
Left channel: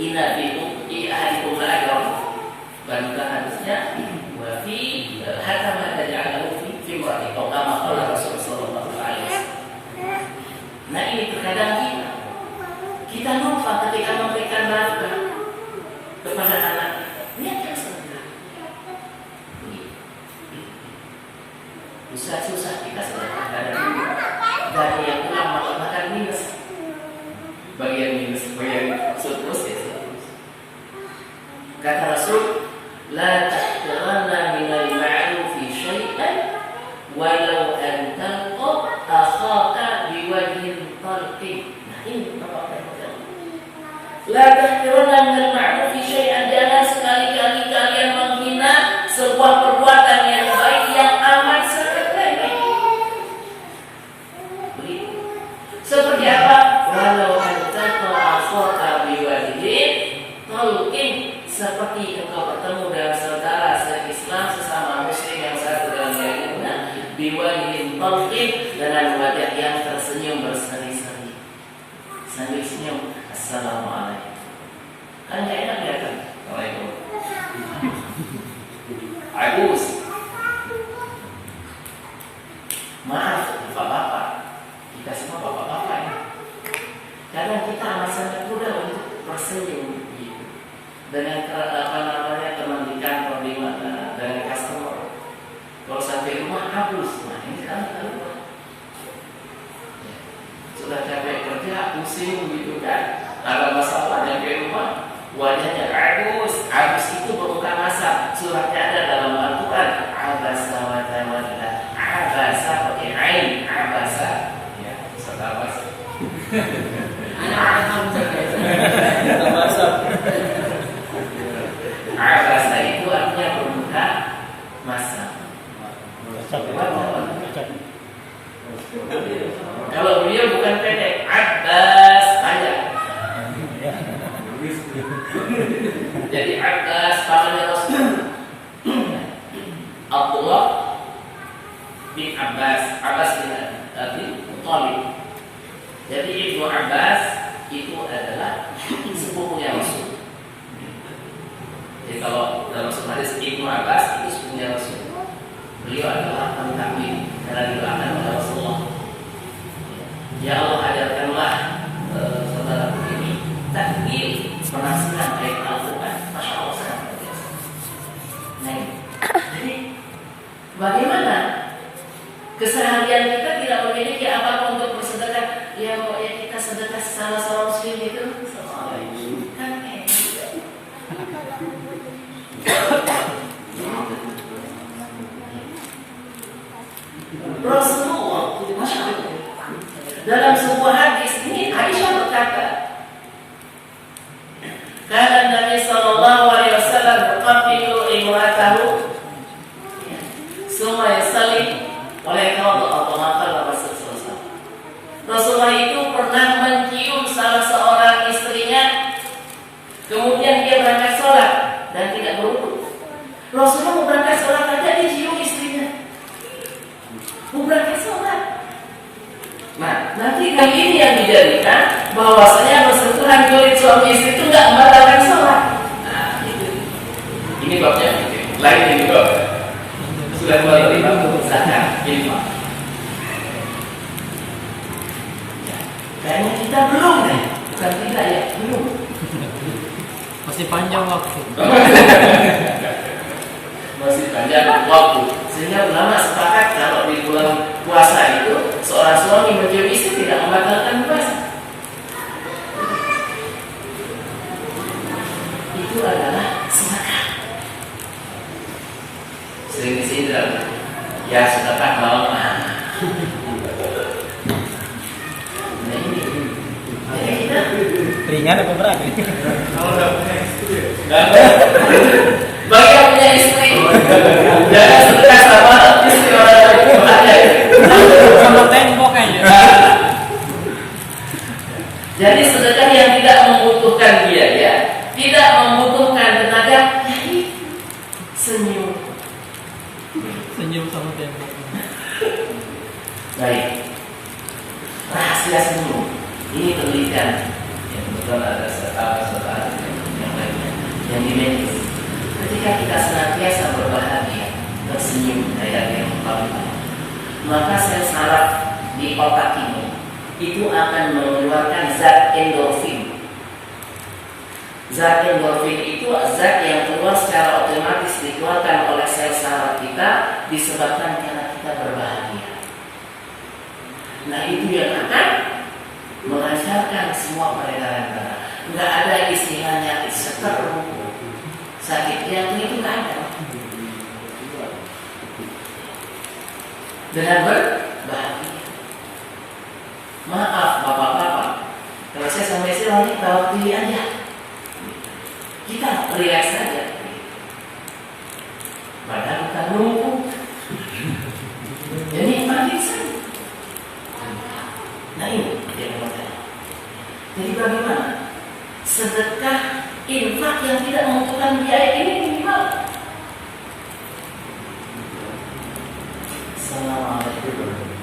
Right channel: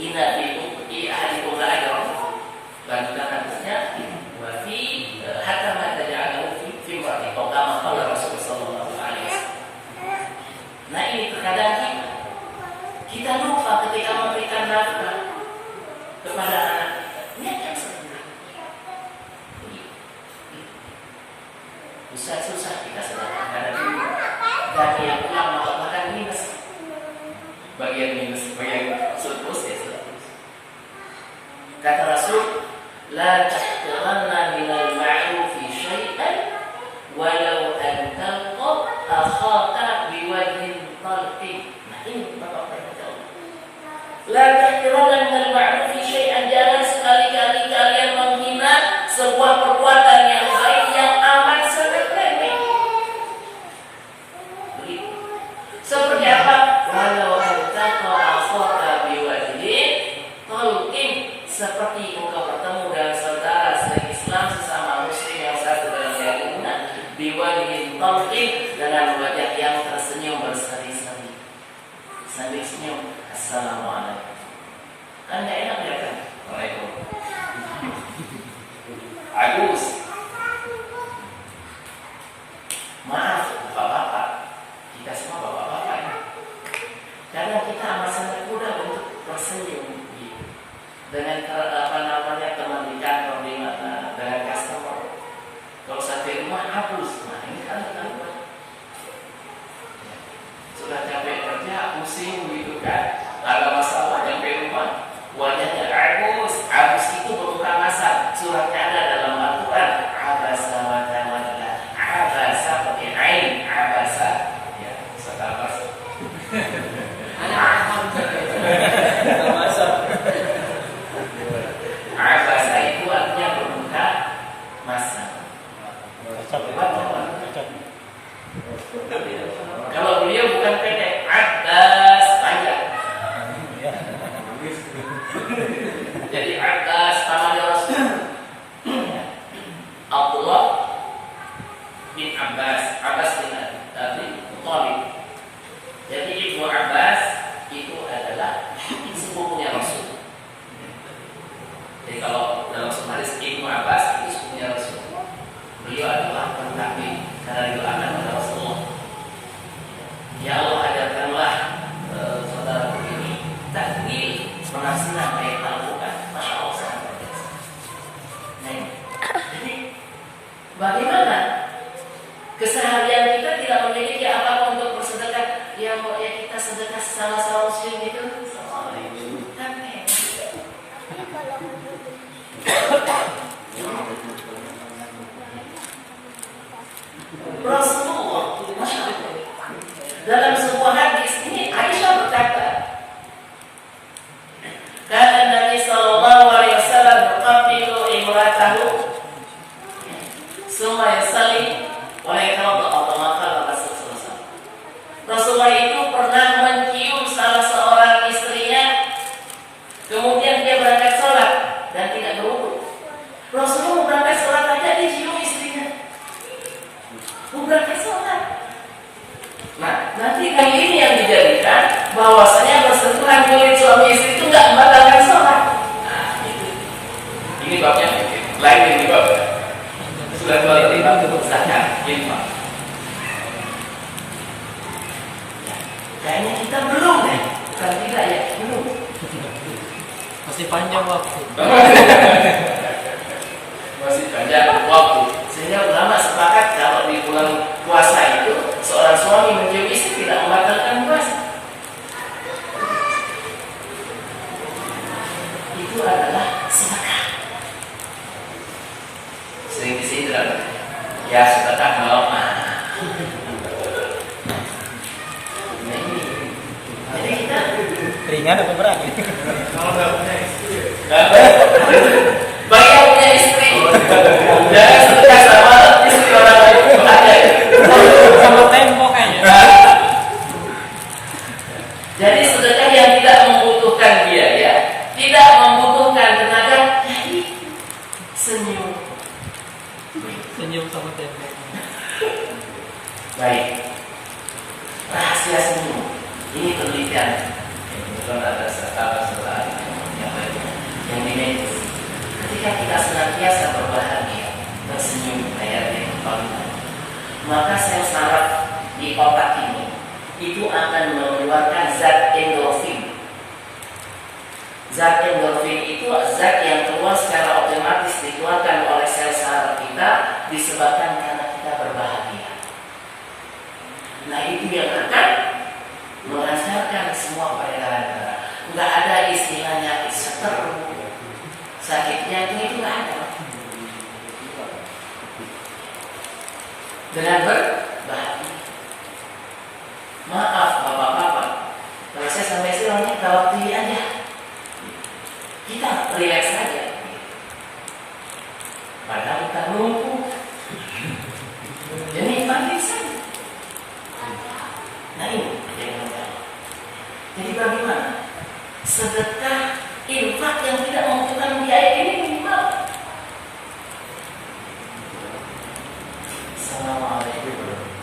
Inna fi ahadikum la ajra, lanjutan hadisnya, wa fi hatta ma taj'alahu fi imra'atik, atau kama qala Rasul sallallahu alaihi wasallam. Nah ini terkadang kita lupa ketika memberikan nafkah kepada anak, niatkan sedekah. Susah-susah kita sedekah karena dulu gaji yang pulang malah bahkan minus, bagian surplus ya surplus. Kata Rasul, la tahqiranna minal ma'rufi syai'an walau an talqa akhaka biwajhin talqin. Nah ini bapak bapak. La tahqiranna minal ma'rufi syai'an, jangan sekali-kali kalian menghina sebuah perbuatan yang baik yang amat sederhana. Begitu. Seperti apa? Walau antaqa akhaka biwajhin talqin, seperti engkau bertemu dengan saudara se-Islam sesama muslim yang satu dalam keyakinan talqin, dengan wajah yang tersenyum berseri-seri. Sambil senyum, assalamualaikum. Kan gak enak ya kan? Waalaikumsalam. Agus. Maaf, bapak-bapak. Kita semua bapak-bapak ya. Kadang kita amat sangat mudah untuk bersenyum dengan teman di kantor, di mana, dengan customer. Kalau sampai rumah hapus, nah ini kan sudah capek kerja, pusing gitu kan, ada masalah sampai rumah, wajahnya Agus itu bermuka kasar. Suratnya ada dalam Al-Quran, abasa wa tawalla, abasa pakai ain, abasa, ya, saudara. Abasa itu artinya bermuka masam. Kalau beliau bukan pendek, Abbas panjang. Jadi Abbas pamannya Rasul Abdullah bin Abbas, Abbas bin Abi Thalib. Jadi ibu Abbas itu adalah sepupunya Rasul. Jadi kalau dalam hadis ibu Abbas itu sepupunya Rasul. Beliau adalah pentakbir karena didoakan oleh Rasulullah. Ya Allah, ajarkanlah saudaraku ini takbir penafsiran ayat Al-Quran. Masya Allah, sangat biasa. Nah, jadi bagaimana keseharian kita tidak memiliki apa-apa untuk bersedekah? Ya kita sedekah salah muslim itu. Rasulullah dalam sebuah hadis ini, Aisyah berkata, karena Nabi Sallallahu Alaihi Wasallam yuqabbilu imratahu summa yusalli wa yaqra'u al-Qur'an. Rasulullah itu pernah mencium salah seorang istrinya, kemudian dia berangkat sholat dan tidak berwudu. Rasulullah mau berangkat sholat aja dicium istrinya, mau berangkat sholat. Nah, nanti yang ini yang dijadikan bahwasanya bersentuhan kulit suami istri itu nggak membatalkan sholat. Nah, itu. Ini babnya lain yang dibab. Sudah 25 usahakan infak. Kayaknya kita belum deh, bukan tidak ya, belum. Masih panjang waktu. Masih panjang waktu. Sehingga ulama sepakat kalau di bulan puasa itu seorang suami mencium istri tidak membatalkan puasa. Itu adalah sedekah. Sering disidra. Ya sedekah malam. Jadi kita Ringan apa berat? bagi yang punya istri, jangan sedekah sama istri orang lain. Sama tembok kayaknya. Jadi sedekah yang tidak membutuhkan biaya, tidak membutuhkan tenaga, jadi senyum. Senyum sama tembok. Baik, rahasia senyum. Ini penelitian yang kebetulan ada saudara yang lainnya yang dimedis. Ketika kita senantiasa berbahagia, tersenyum kayak yang kembali, maka sel saraf di otak ini itu akan mengeluarkan zat endorfin. Zat endorfin itu zat yang keluar secara otomatis dikeluarkan oleh sel saraf kita disebabkan karena kita berbahagia. Nah, itu yang akan melancarkan semua peredaran darah. Nggak ada istilahnya seteru, sakit jantung, itu nggak ada. Dengan berbahagia. Maaf bapak-bapak, kalau saya sampai sini kalau pilih aja, kita relax saja. Padahal kita lumpuh. Jadi nikmatin saja. Nah ini yang pertama. Jadi bagaimana? Sedekah infak yang tidak membutuhkan biaya ini minimal. Assalamualaikum.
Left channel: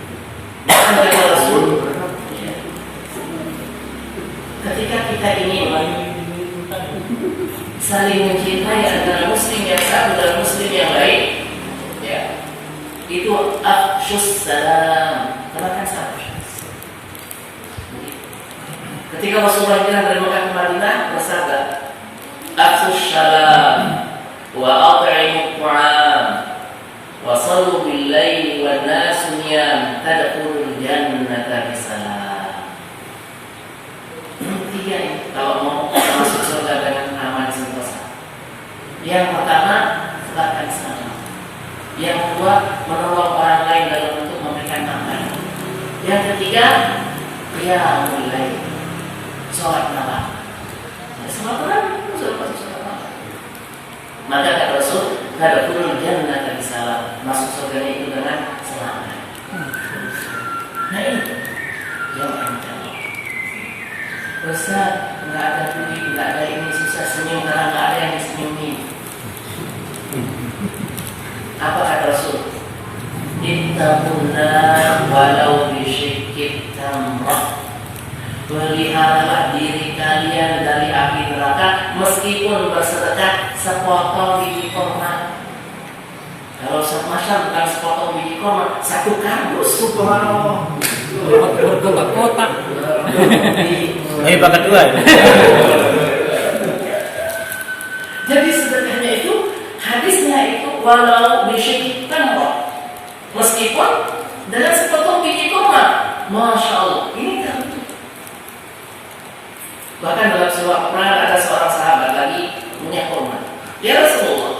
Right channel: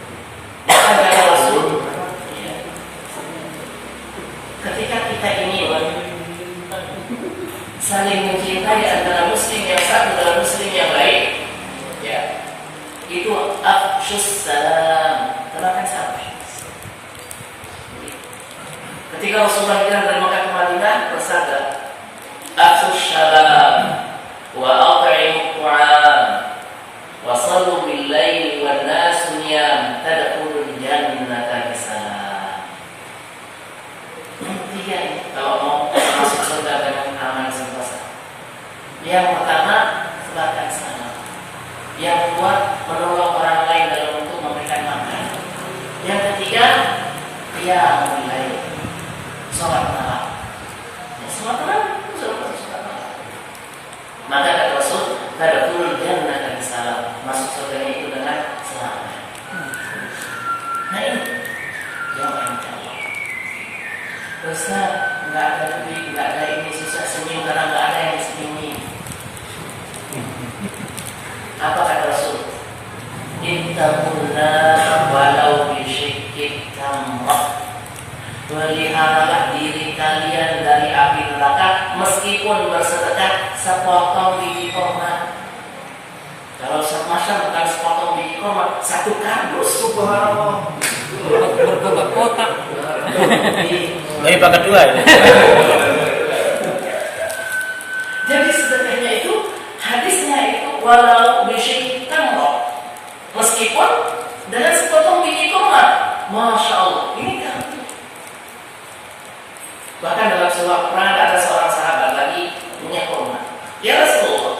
saling mencintai antara muslim yang satu dan muslim yang lain. Ya, itu afsyus salam, tebarkan salam. Ketika Rasulullah hijrah dari Mekah ke Madinah bersabda, afsyus salam wa at'imut ta'am wa sallu bil laili wan nasu niyam tadkhulul jannata bisalam. Tiga ini kalau mau masuk surga dengan aman sentosa. Yang pertama, sebarkan salam. Yang kedua, menolong orang lain dalam untuk memberikan makan. Yang ketiga, qiyamul lail, sholat malam. Ya, sholat malam itu sudah masuk sholat malam. Maka kata Rasul, tadkhulul jannata bisalam, masuk surganya itu dengan selamat. Nah ini jawab yang tadi. Ustaz, nggak ada duit, nggak ada ini, susah senyum karena nggak ada yang disenyumi. Apa kata Rasul? Ittaqullah walau bisyikki tamrah. Peliharalah diri kalian dari api neraka meskipun bersedekah sepotong biji kurma. Kalau semacam bukan sepotong biji kurma, satu kardus, subhanallah. Kotak. Ini pakai dua ya. Jadi sedekahnya itu, hadisnya itu walau bisyikki tamrah, meskipun dengan sepotong biji kurma. Masya Allah, ini kan. Bahkan dalam sebuah perang ada seorang sahabat lagi punya kurma. Ya Rasulullah,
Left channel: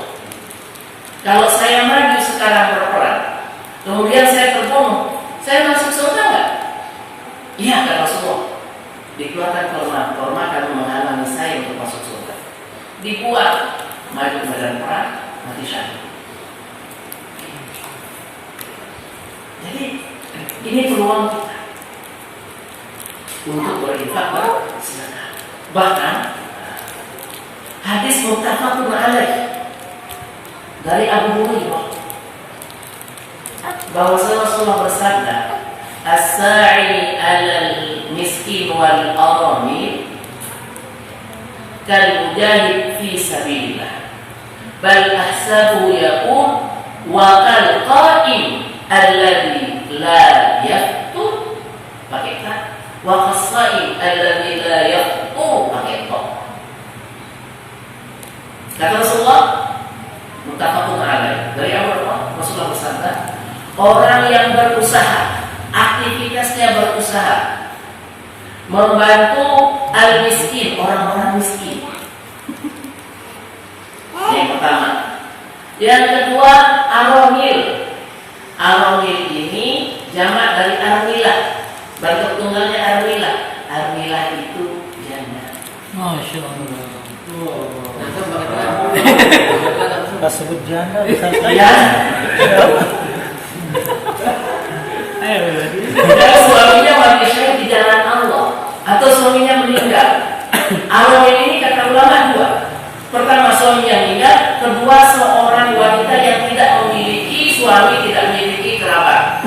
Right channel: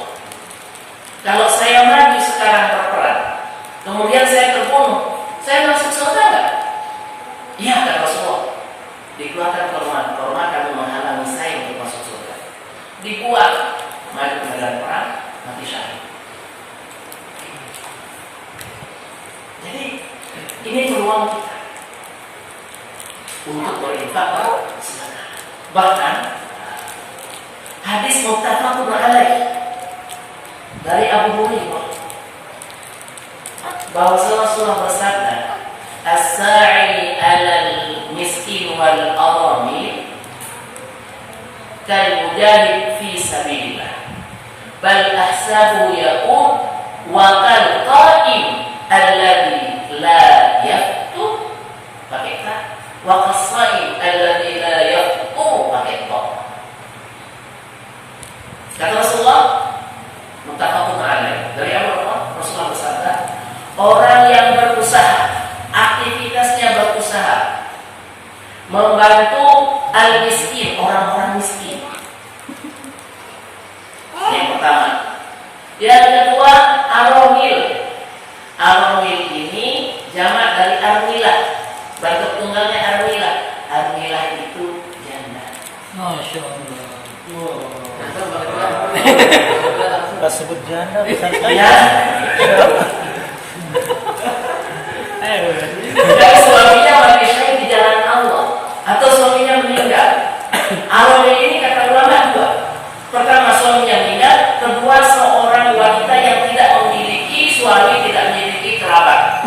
kalau saya maju sekarang berperang, kemudian saya terbunuh, saya masuk surga enggak? Iya kata Rasulullah. Dikeluarkan kurma kamu menghalangi saya untuk masuk surga. Dibuat, maju ke medan perang, mati syahid. Jadi ini peluang kita untuk berinfak bersedekah. Bahkan hadis muttafaqun alaih dari Abu Hurairah bahwa Rasulullah bersabda, as-sa'i 'alal miskin wal aramil kal mujahid fi sabilillah bal ahsabu yaqum wa kal qa'im alladhi la yaftur pakai ta wa qas-sa'im alladhi la yaftur pakai ta. Kata Rasulullah muttafaqun alaih dari Abu Hurairah, Rasulullah bersabda, orang yang berusaha, aktivitasnya berusaha membantu al-miskin, orang-orang miskin. Yang pertama. Yang kedua, aramil. Aramil ini jamak dari armilah. Bentuk tunggalnya armilah. Armilah itu janda. Masya Allah. Pas sebut janda bisa Ya. Kalau suaminya mati syahid di jalan Allah atau suaminya meninggal, aramil ini kata ulama dua. Pertama, suaminya meninggal. Kedua, seorang wanita yang tidak memiliki suami, tidak memiliki kerabat.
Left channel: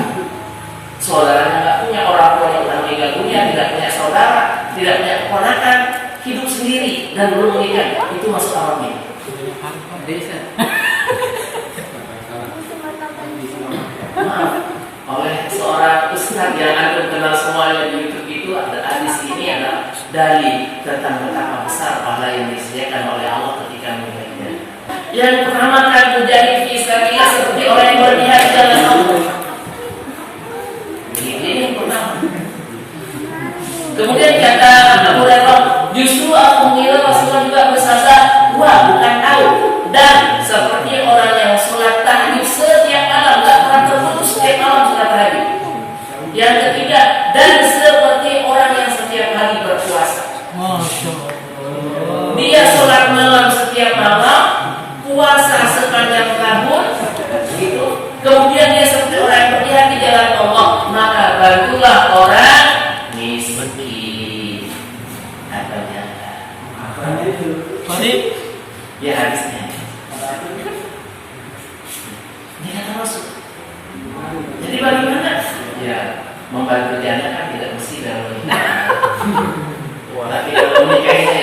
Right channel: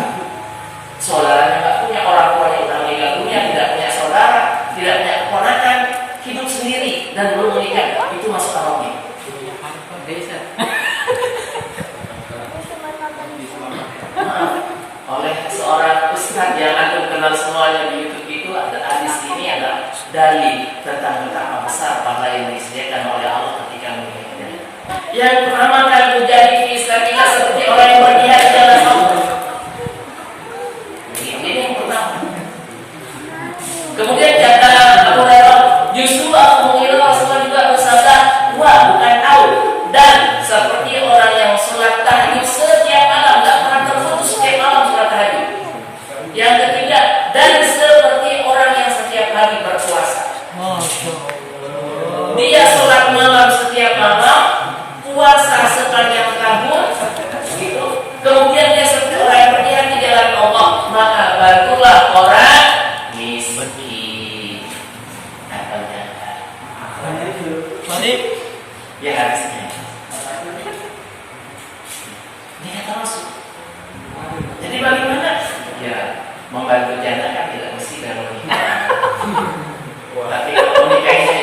Saudaranya nggak punya, orang tua yang sudah meninggal dunia, tidak punya saudara, tidak punya keponakan, hidup sendiri dan belum menikah. Itu masuk aramil. Maaf, oleh seorang ustaz yang antum kenal semuanya di YouTube itu, ada hadis ini ada dalil tentang betapa besar pahala yang disediakan oleh Allah ketika meninggal. Yang pertama kan mujahid fi sabilillah, seperti orang yang berjihad di jalan Allah. Ini yang pertama. Kemudian kata Abu Hurairah, justru aku mengira Rasulullah juga bersabda, wah bukan tahu, dan seperti orang yang sholat tahajud setiap malam, nggak pernah terputus setiap malam sholat tahajud. Yang ketiga, dan seperti orang yang setiap hari berpuasa. Masya Allah. Dia sholat malam setiap malam, puasa sepanjang tahun, gitu. Kemudian dia seperti orang yang berjihad di jalan Allah, maka bantulah orang miskin. Katanya. Mari. Ya hadisnya. Ini kata Rasul. Jadi bagaimana? Ya, membantu janda kan tidak mesti dalam menikah. Tapi kalau menikahnya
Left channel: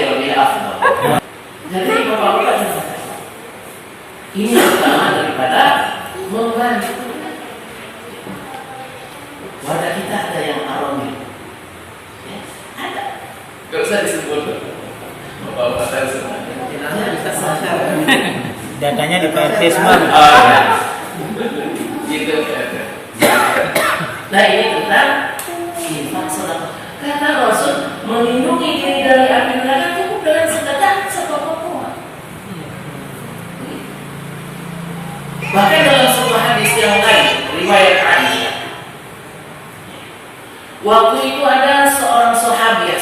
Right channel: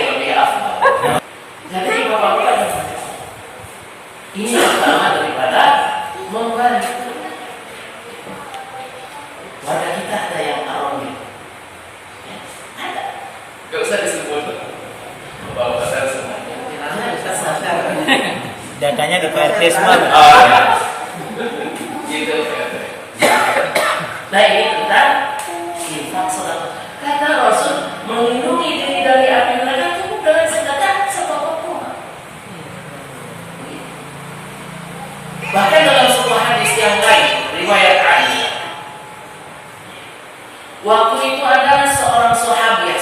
Oh, pasal semua. Datanya di PRT semua. Oh ya. Gitu PRT. Nah ini tentang infak sedekah. Kata Rasul, melindungi diri dari api neraka cukup dengan sedekah sepotong kurma. Bahkan dalam sebuah hadis yang lain, riwayat Aisyah, waktu itu ada seorang sahabiah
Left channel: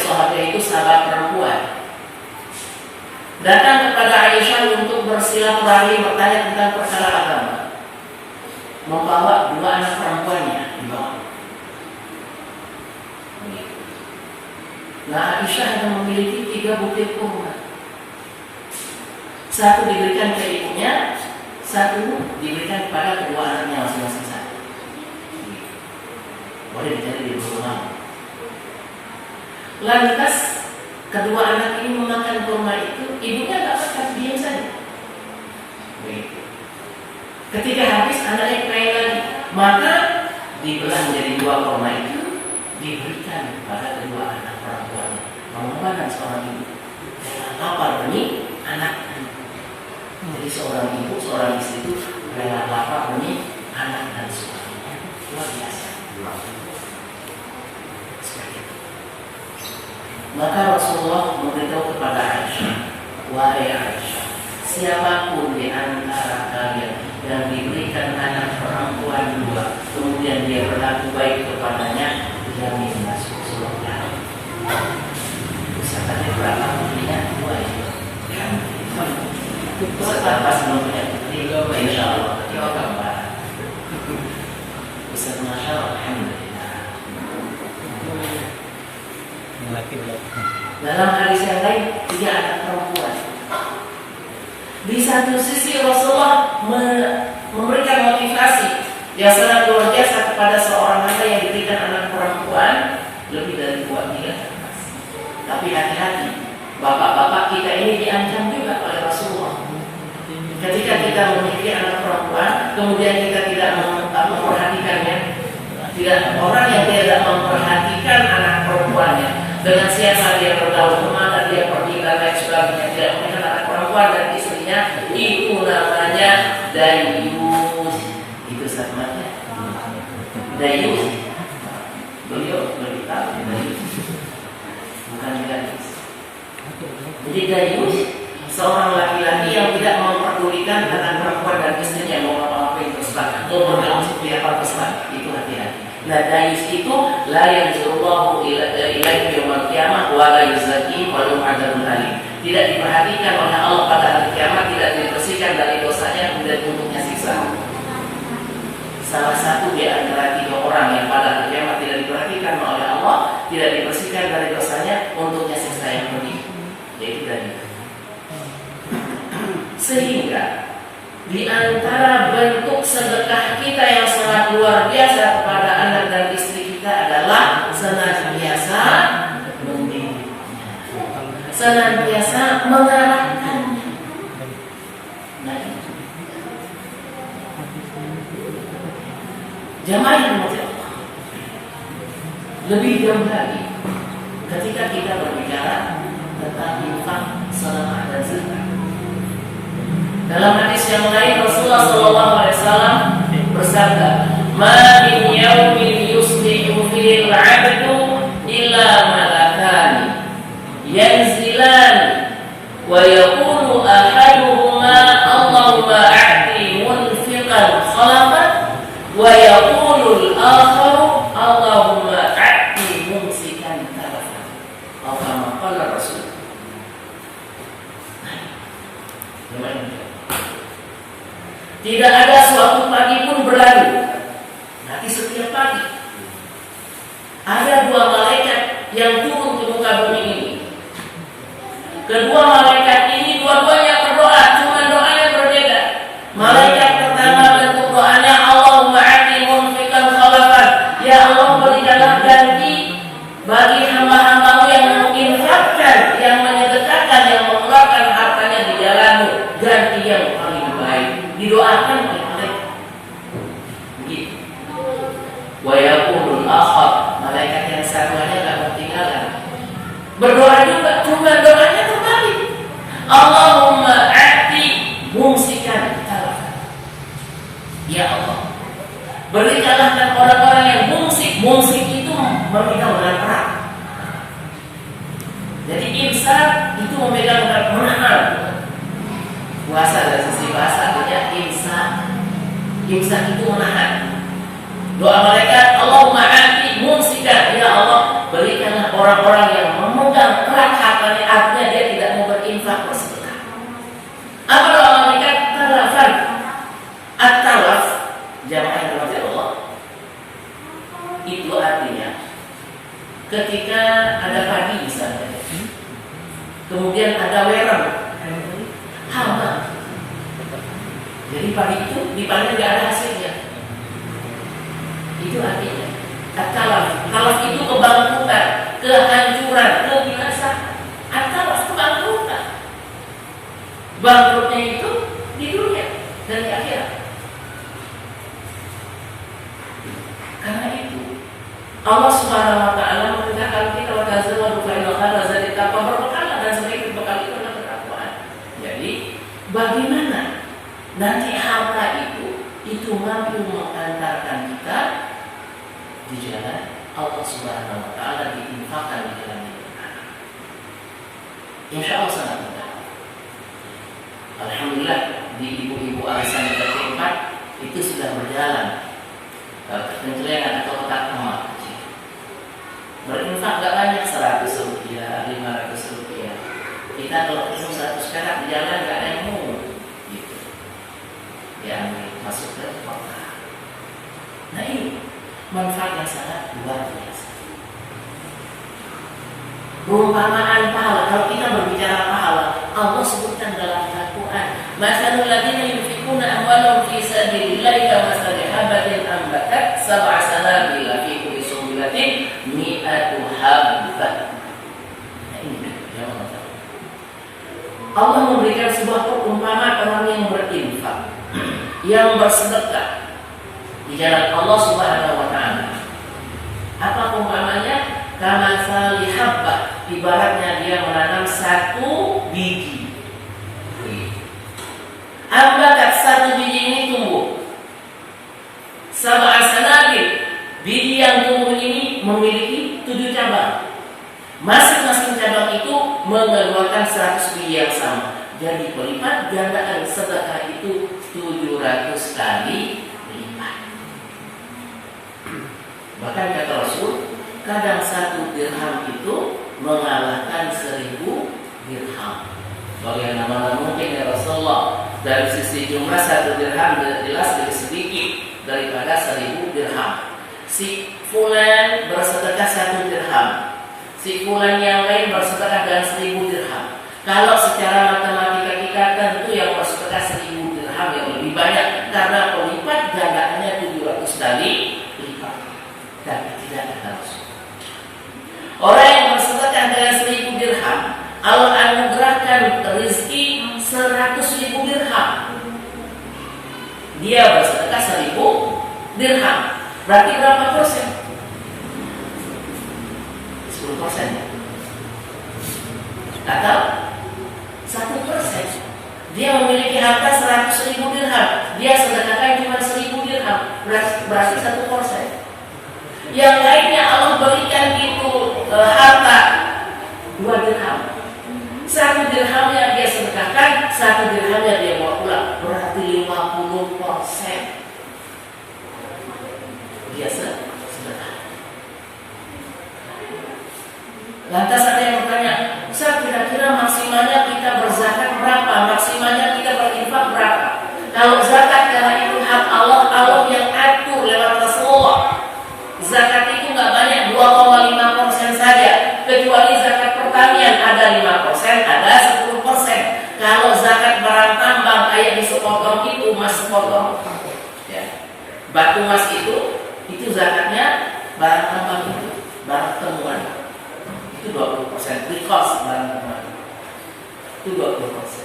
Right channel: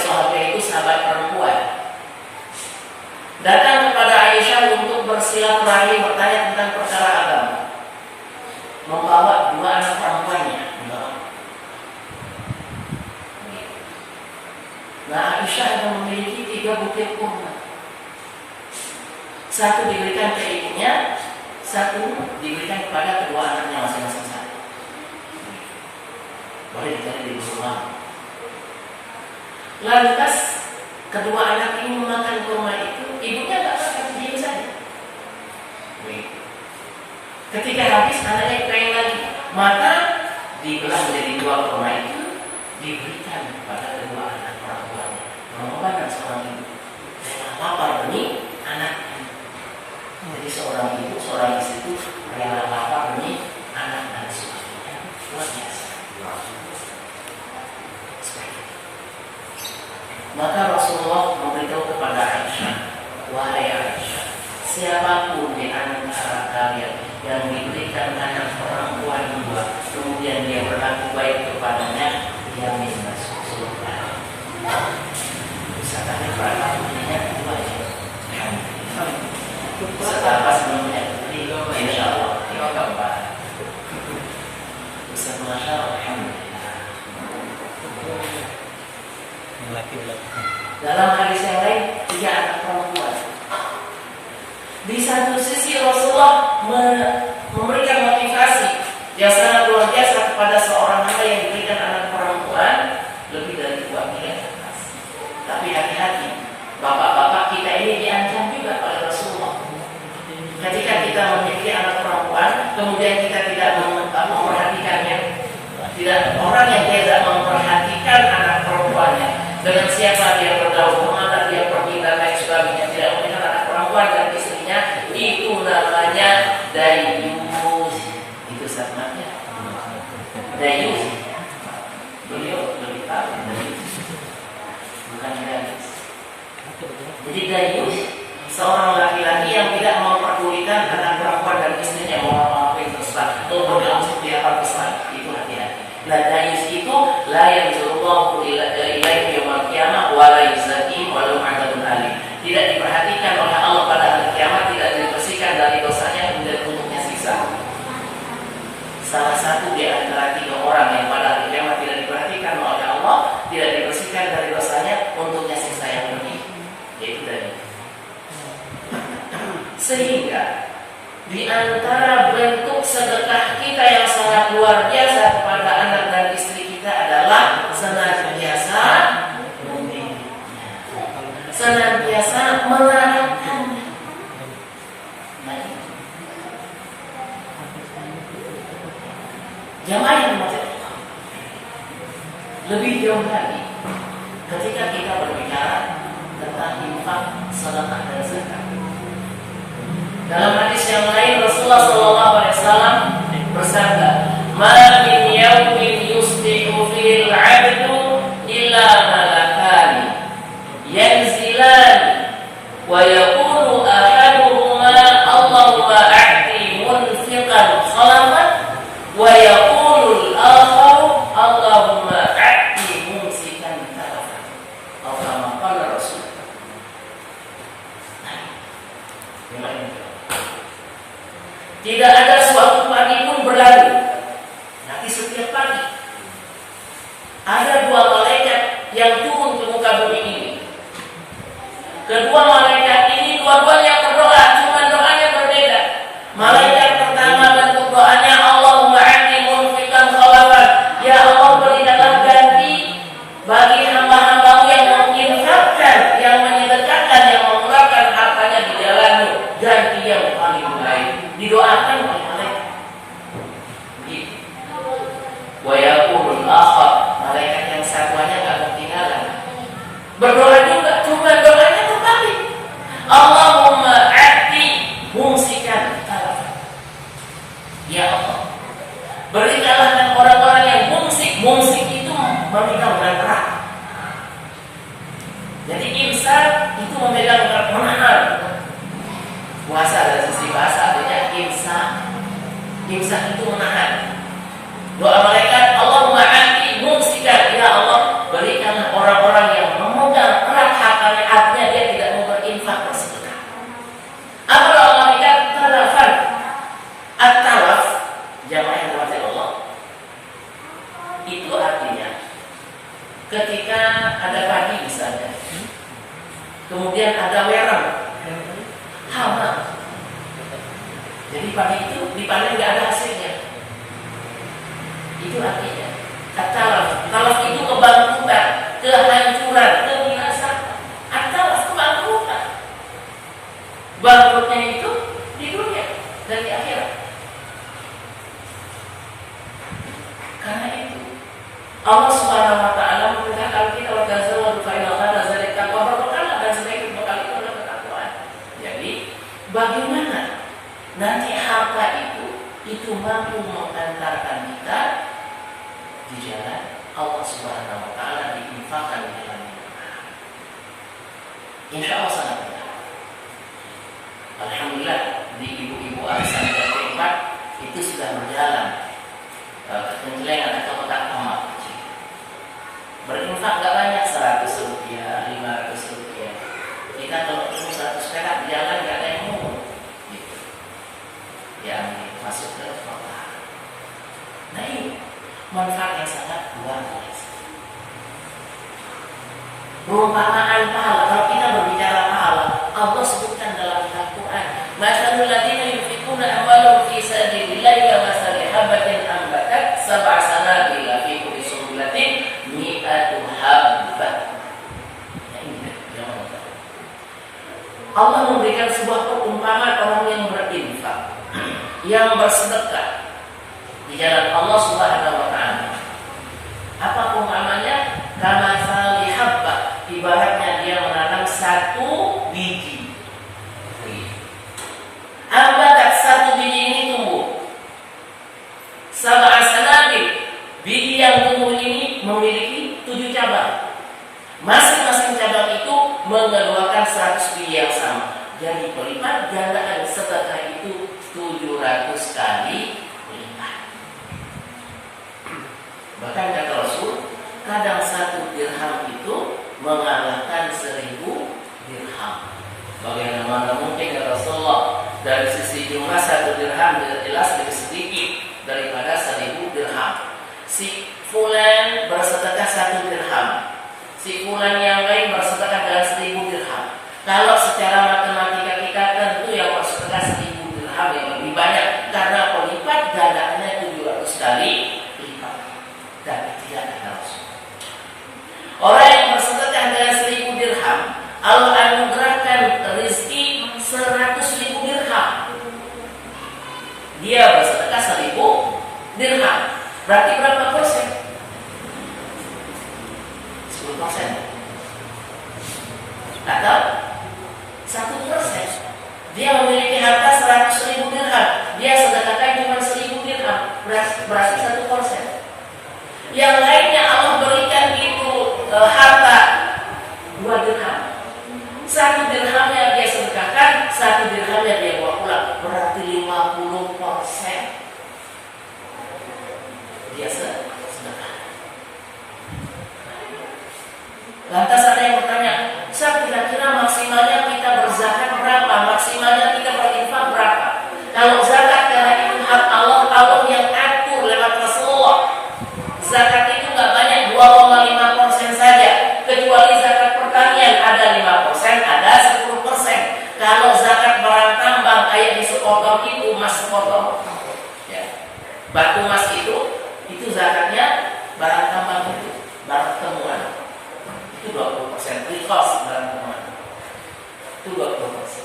itu sahabat perempuan, datang kepada Aisyah untuk bersilaturahmi bertanya tentang perkara agama, membawa dua anak perempuannya. Nah, Aisyah hanya memiliki 3 butir kurma. Satu diberikan ke ibunya, satu diberikan kepada kedua anaknya masing-masing satu. Boleh dicari di rumah. Lantas kedua anak ini memakan kurma itu, ibunya nggak makan, diam saja. Ketika habis, anaknya pengen lagi, maka dibelah menjadi 2 kurma itu, diberikan kepada kedua anak perempuan. Pengorbanan seorang ibu, rela lapar demi anak. Jadi seorang ibu, seorang istri itu rela lapar demi anak dan suaminya. Luar biasa. Maka Rasulullah memberitahu kepada Aisyah, wahai Aisyah, siapapun di antara kalian yang diberikan anak perempuan 2, kemudian dia berlaku baik kepadanya, dia masuk surga. Misalnya berapa punya 2 ya? Setelah sebelumnya, insya Allah 3 gambar. Ustaz Masya Allah, alhamdulillah. Yang laki belakang. Dalam hadis yang lain, 3 anak perempuan. Di satu sisi Rasulullah memberikan motivasi yang sangat luar biasa kepada seorang hamba yang diberikan anak perempuan lebih dari 2 ke atas. Tapi hati-hati, bapak-bapak kita ini diancam juga oleh Rasulullah. Ketika kita memiliki anak perempuan, kemudian kita tidak memperhatikannya, tidak orang yang tidak memperhatikan anak perempuannya, dengan siapa dia bergaul, kemana dia pergi dan lain sebagainya, tidak memiliki anak perempuan dan istrinya, itu namanya dayus. Itu sama-nya dayus. Beliau lebih tahu dayus, bukan gadis. Jadi dayus seorang laki-laki yang tidak memperdulikan anak perempuan dan istrinya, mau apa-apa yang terserah, mau bergaul seperti apa terserah, itu hati-hati. Nah, dayus itu la yanzurullahu ilaihi yaumil qiyamah wa la yuzakihim wa lahum adzabun alim. Tidak diperhatikan oleh Allah pada hari kiamat, tidak dibersihkan dari dosanya, kemudian untuknya siksa. Salah satu di antara 3 orang yang pada hari kiamat tidak diperhatikan oleh Allah, tidak dibersihkan dari dosanya, untuknya siksa yang pedih, yaitu dayus. Sehingga di antara bentuk sedekah kita yang sangat luar biasa kepada anak dan istri kita adalah senantiasa mendidiknya, senantiasa mengarahkannya. Nah, jamaah yang dimaksud lebih jauh lagi ketika kita berbicara tentang infak, sedekah dan zakat. Dalam hadis yang lain Rasulullah SAW bersabda, "Ma min yaumin yusbihu fil 'abdu illa malakani yanzilani wa yaqulu ahaduhuma Allahumma a'ti munfiqan khalafan wa yaqulu al-akharu Allahumma a'ti mumsikan talafan." Atau kama qala Rasul. Tidak ada suatu pagi pun berlalu, nanti setiap pagi ada 2 malaikat yang turun ke muka bumi ini. Kedua malaikat ini dua-duanya berdoa, cuma doanya berbeda. Malaikat pertama bentuk doanya, Allahumma a'ti munfiqan khalafan, ya Allah berikanlah ganti bagi hamba-hambamu yang menginfakkan, yang menyedekahkan, yang mengeluarkan hartanya di jalanmu, ganti yang paling baik. Didoakan oleh malaikat. Begitu. Wa yaqulul akhar, malaikat yang satuannya enggak ketinggalan. Berdoa juga, cuma doanya terbalik. memegang menahan. Puasa dari sisi bahasa artinya imsak. Imsak itu menahan. Doa malaikat, Allahumma anti mumsikan, ya Allah berikanlah orang-orang yang memegang erat hartanya, artinya dia tidak mau berinfak bersedekah. Apa doa malaikat? Talafan. At-talaf jamaah rahmat Allah. Itu artinya ketika ada padi misalnya, kemudian ada wereng, hama. Jadi padi itu dipanen nggak ada hasilnya. Itu artinya at-talaf. Talaf itu kebangkrutan, kehancuran, kebinasaan. At-talaf kebangkrutan. Bangkrutnya itu di dunia dan di akhirat. Karena itu Allah Subhanahu wa taala mengatakan kita wa tazawwadu fa inna khayra zadi taqwa, berbekal dan sebaik bekal itu adalah ketakwaan. Jadi bagaimana nanti harta itu mampu mengantarkan kita di jalan Allah Subhanahu wa taala, diinfakkan di dalam hidup. Insya Allah sangat mudah. Alhamdulillah di ibu-ibu arisan yang keempat itu sudah berjalan. Kenclengan atau kotak emas berinfak gak banyak, 100 rupiah, 500 rupiah. Kita kalau ketemu 100 perak di jalan gak ada yang mau gitu, yang masuk ke kotak. Nah ini manfaat yang sangat luar biasa. Perumpamaan pahala, kalau kita berbicara pahala, Allah sebutkan dalam Al-Quran, masalul ladzina yunfiquna amwalahum fi sabilillahi kamathali habatin ambatat sab'a sanabila fi kulli sunbulatin mi'atu habbah. Nah ini yang Allah memberikan sebuah perumpamaan orang yang berinfak, yang bersedekah di jalan Allah Subhanahu wa taala. Apa perumpamaannya? Kamathali habbah, ibaratnya dia menanam 1 biji. Ambatat 1 biji ini tumbuh. Sab'a sanabil, biji yang tumbuh ini memiliki 7 cabang. Masing-masing cabang itu mengeluarkan 100 biji yang sama. Jadi pelipat gandaan sedekah itu 700 kali lipat. Bahkan kata Rasul, kadang 1 dirham itu mengalahkan 1000 dirham. Bagaimana mungkin ya Rasulullah? Dari sisi jumlah 1 dirham jelas lebih sedikit daripada 1000 dirham. Si fulan bersedekah 1 dirham, si fulan yang lain bersedekah dengan 1000 dirham. Kalau secara matematika kita tentu yang bersedekah 1000 dirham yang lebih banyak, karena pelipat gandaannya 700 kali lipat. Dan tidak ada Rasul. Orang yang bersedekah dengan 1000 dirham, Allah anugerahkan rezeki 100.000 dirham. Dia bersedekah 1000 dirham. Berarti berapa persen? 10%. Atau 1%. Dia memiliki harta 100.000 dirham. Dia sedekahkan cuma 1000 dirham. Berarti 1%. Yang lainnya Allah berikan itu harta 2 dirham. 1 dirhamnya dia sedekahkan, 1 dirhamnya dia bawa pulang. Berarti 50% dia sedekah. Lantas ada yang bertanya, Ustaz, kira-kira maksimalnya kita berzakat berapa? Maksimalnya kita berinfak berapa? Kalau zakat karena itu hak Allah, Allah yang atur lewat Rasulullah. Zakat itu nggak banyak, 2,5% saja. Kecuali zakat pertanian ada 5%, ada 10%. Kalau zakat barang tambang kayak di sepotong itu, mas sepotong, ya, batu mas itu zakatnya barang tambang itu, barang temuan itu 20%, recost barang temuan itu 20%.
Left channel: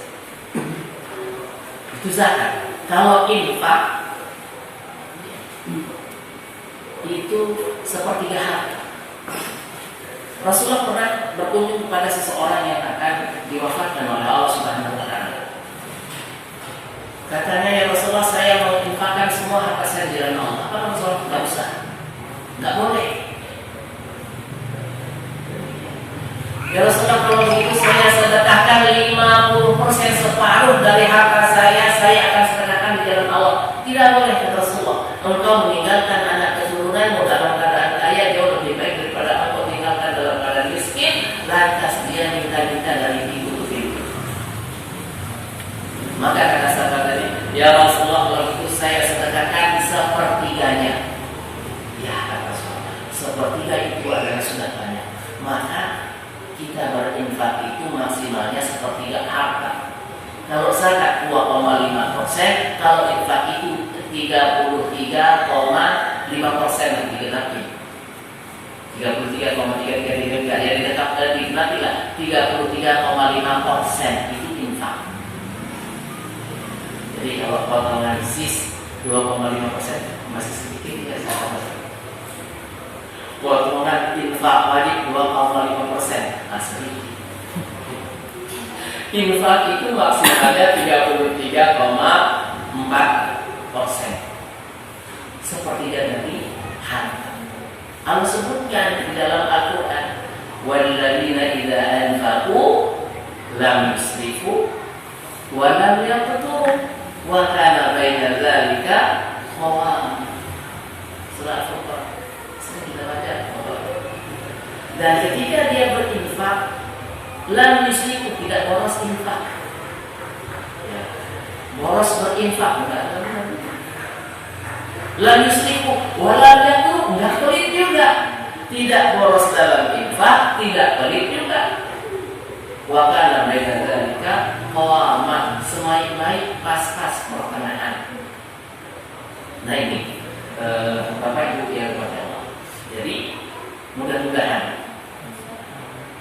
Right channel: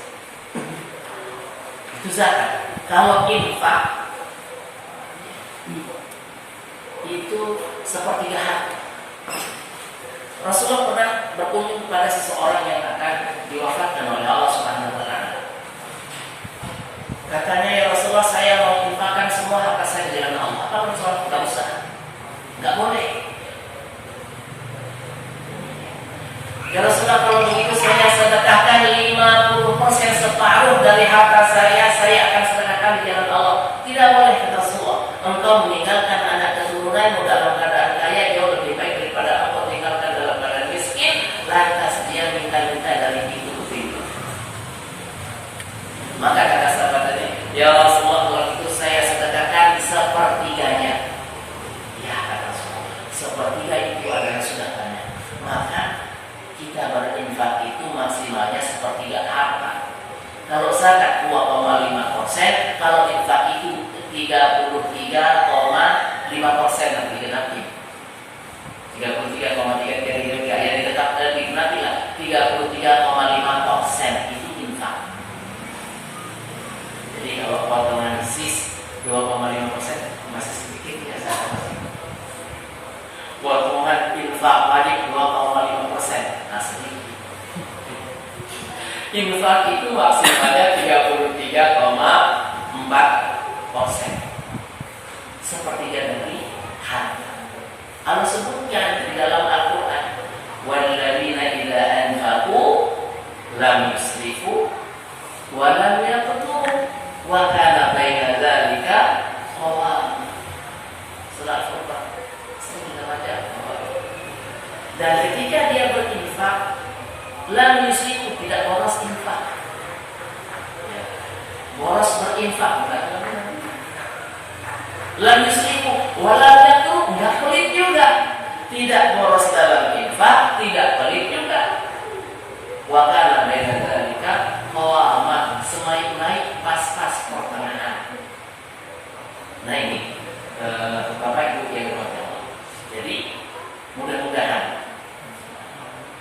Itu zakat. Kalau infak itu sepertiga harta. Rasulullah pernah berkunjung kepada seseorang yang akan diwafatkan oleh Allah Subhanahu wa taala. Katanya, ya Rasulullah, saya mau infakkan semua harta saya di jalan Allah. Apa Rasulullah? Enggak usah. Enggak boleh. Ya Rasulullah, kalau begitu saya sedekahkan dari harta saya akan sedekahkan di jalan Allah. Tidak boleh, kata Rasulullah. Engkau meninggalkan anak keturunanmu dalam keadaan kaya jauh lebih baik daripada engkau tinggalkan dalam keadaan miskin, lantas dia minta-minta dari ibu itu. Maka kata sahabat tadi, ya Rasulullah, kalau itu saya sedekahkan sepertiganya. Ya kata Rasulullah, sepertiga itu adalah sudah banyak. Maka kita berinfak itu maksimalnya sepertiga harta. Kalau zakat 2,5%, kalau infak itu 33,5% nanti digenapi. 33,3 ya digenapi lah. 33,5% itu infak. Jadi kalau potongan sis 2,5% masih sedikit ya sahabat. Potongan infak wajib 2,5% masih sedikit. Infak itu maksimalnya 33,4%. Sepertiga dari harta. Allah sebutkan di dalam Al-Quran, walladzina idza anfaqu lam yusrifu wa lam yaqtu wa kana baina dzalika qawama. Surah Al-Furqan. Sudah baca. Dan ketika dia berinfak, lam yusiku, tidak boros infak. Ya. Boros berinfak enggak. Lam yusiku, walam yaqtu, enggak pelit juga. Tidak boros dalam infak, tidak pelit juga. Wa kana baina dzalika qawaman, naik pas-pas pertengahan. Nah ini Bapak Ibu yang berbahagia. Jadi mudah-mudahan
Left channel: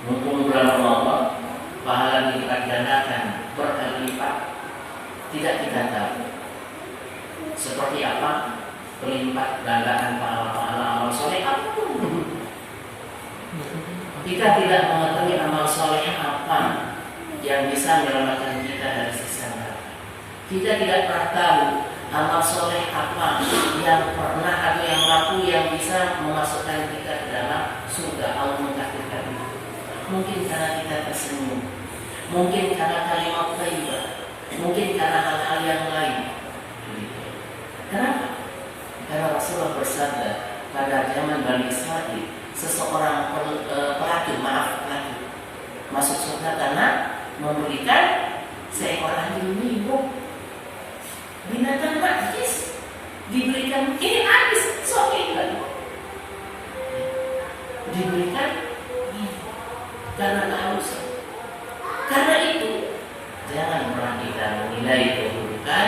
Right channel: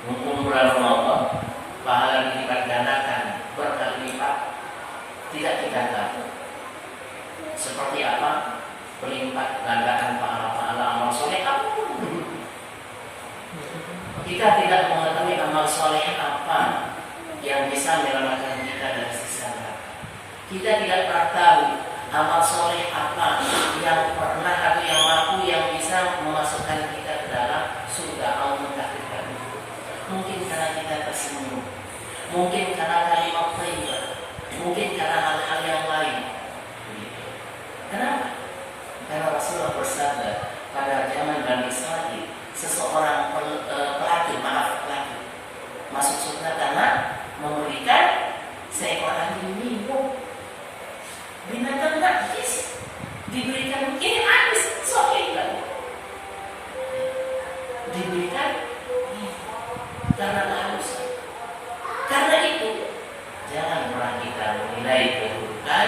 mumpung bulan Ramadan, pahala dilipat gandakan berkali lipat. Tidak kita tahu seperti apa pelipat gandaan pahala-pahala amal soleh apapun. Kita tidak mengetahui amal soleh apa yang bisa menyelamatkan kita dari siksa neraka. Kita tidak pernah tahu amal soleh apa yang pernah atau yang mampu yang bisa memasukkan kita ke dalam surga Allah mentakdirkan. Mungkin karena kita tersenyum, mungkin karena kalimat thayyibah, mungkin karena hal-hal yang lain. Kenapa? Karena Rasulullah bersabda pada zaman Bani Israil, seseorang pelacur masuk surga karena memberikan seekor anjing minum. Binatang najis diberikan ini habis, soalnya kan diberikan karena kehausan. Karena itu jangan pernah kita menilai keburukan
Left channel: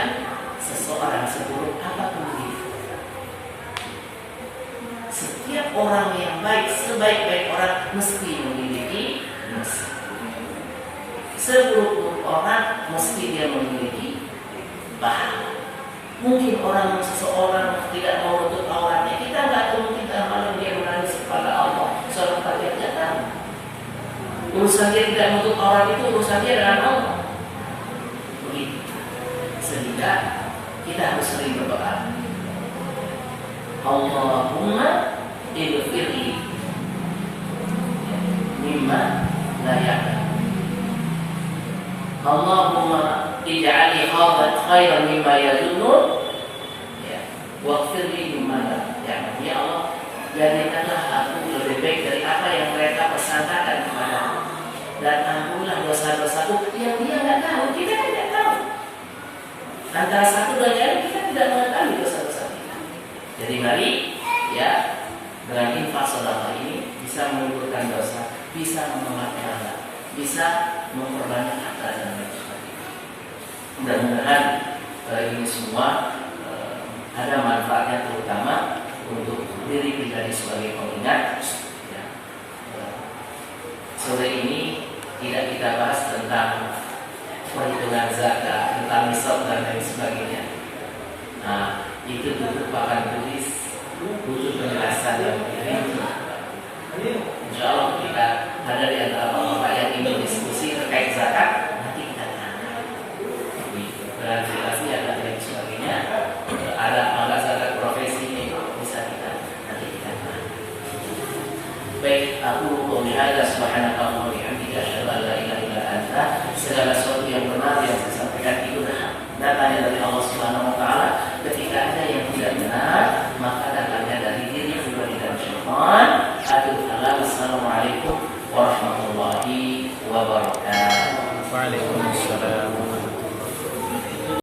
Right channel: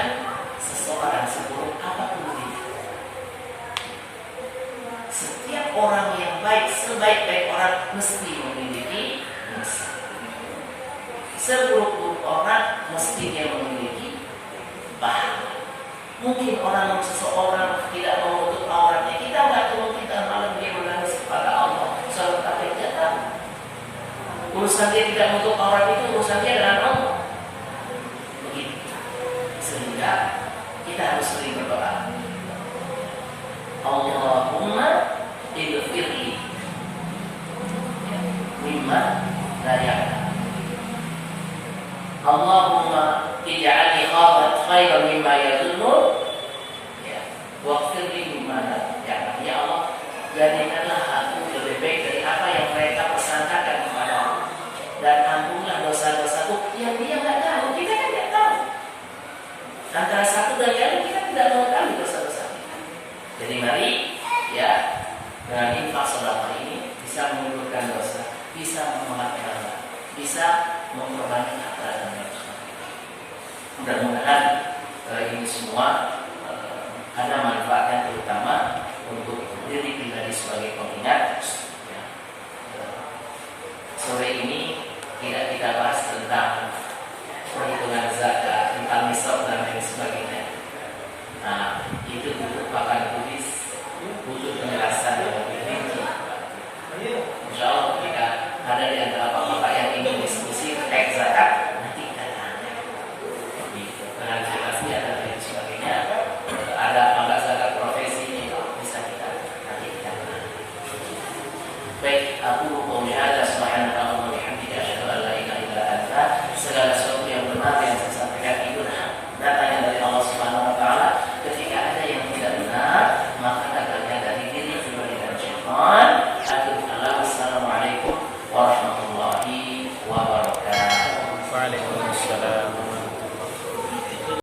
seseorang seburuk apapun dia. Setiap orang yang baik, sebaik-baik orang mesti memiliki musuh. Seburuk-buruk orang mesti dia memiliki pahala. Mungkin seseorang tidak mau menutup auratnya, kita nggak tahu, mungkin malam dia menangis kepada Allah. Seorang kafir tidak tahu. Urusan dia tidak menutup aurat itu urusan dia dengan Allah. Begitu. Sehingga kita harus sering berdoa. Allahumma ighfirli mimma la ya'lam. Allahumma ij'alni khairan mimma yadhunnun. Ya, waghfirli mimma la ya'lam. Ya Allah, jadikanlah aku lebih baik dari apa yang mereka persangkakan kepadaku, dan ampunilah dosa-dosaku yang dia nggak tahu, kita tidak tahu. Antara satu dan lain kita tidak mengetahui dosa-dosa kita. Jadi mari ya, dengan infak sedekah ini bisa menguburkan dosa, bisa memaafkan Allah, bisa memperbanyak harta dan lain sebagainya. Mudah-mudahan ini semua ada manfaatnya, terutama untuk diri pribadi sebagai pengingat. Ya. Sore ini tidak kita bahas tentang perhitungan zakat, tentang nisab dan lain sebagainya. Nah, itu butuh pakan tulis, butuh penjelasan yang lebih rinci. Insya Allah kita ada di antara bapak yang ingin diskusi terkait zakat, nanti kita tanya. Di klarifikasi ada dan sebagainya. Ada apa zakat profesi ini bisa kita nanti kita tanya. Baik, aku qouli hadza subhanaka wa bihamdika asyhadu an la ilaha illa anta, segala sesuatu yang benar yang saya sampaikan itu Akhirul kalam. Assalamualaikum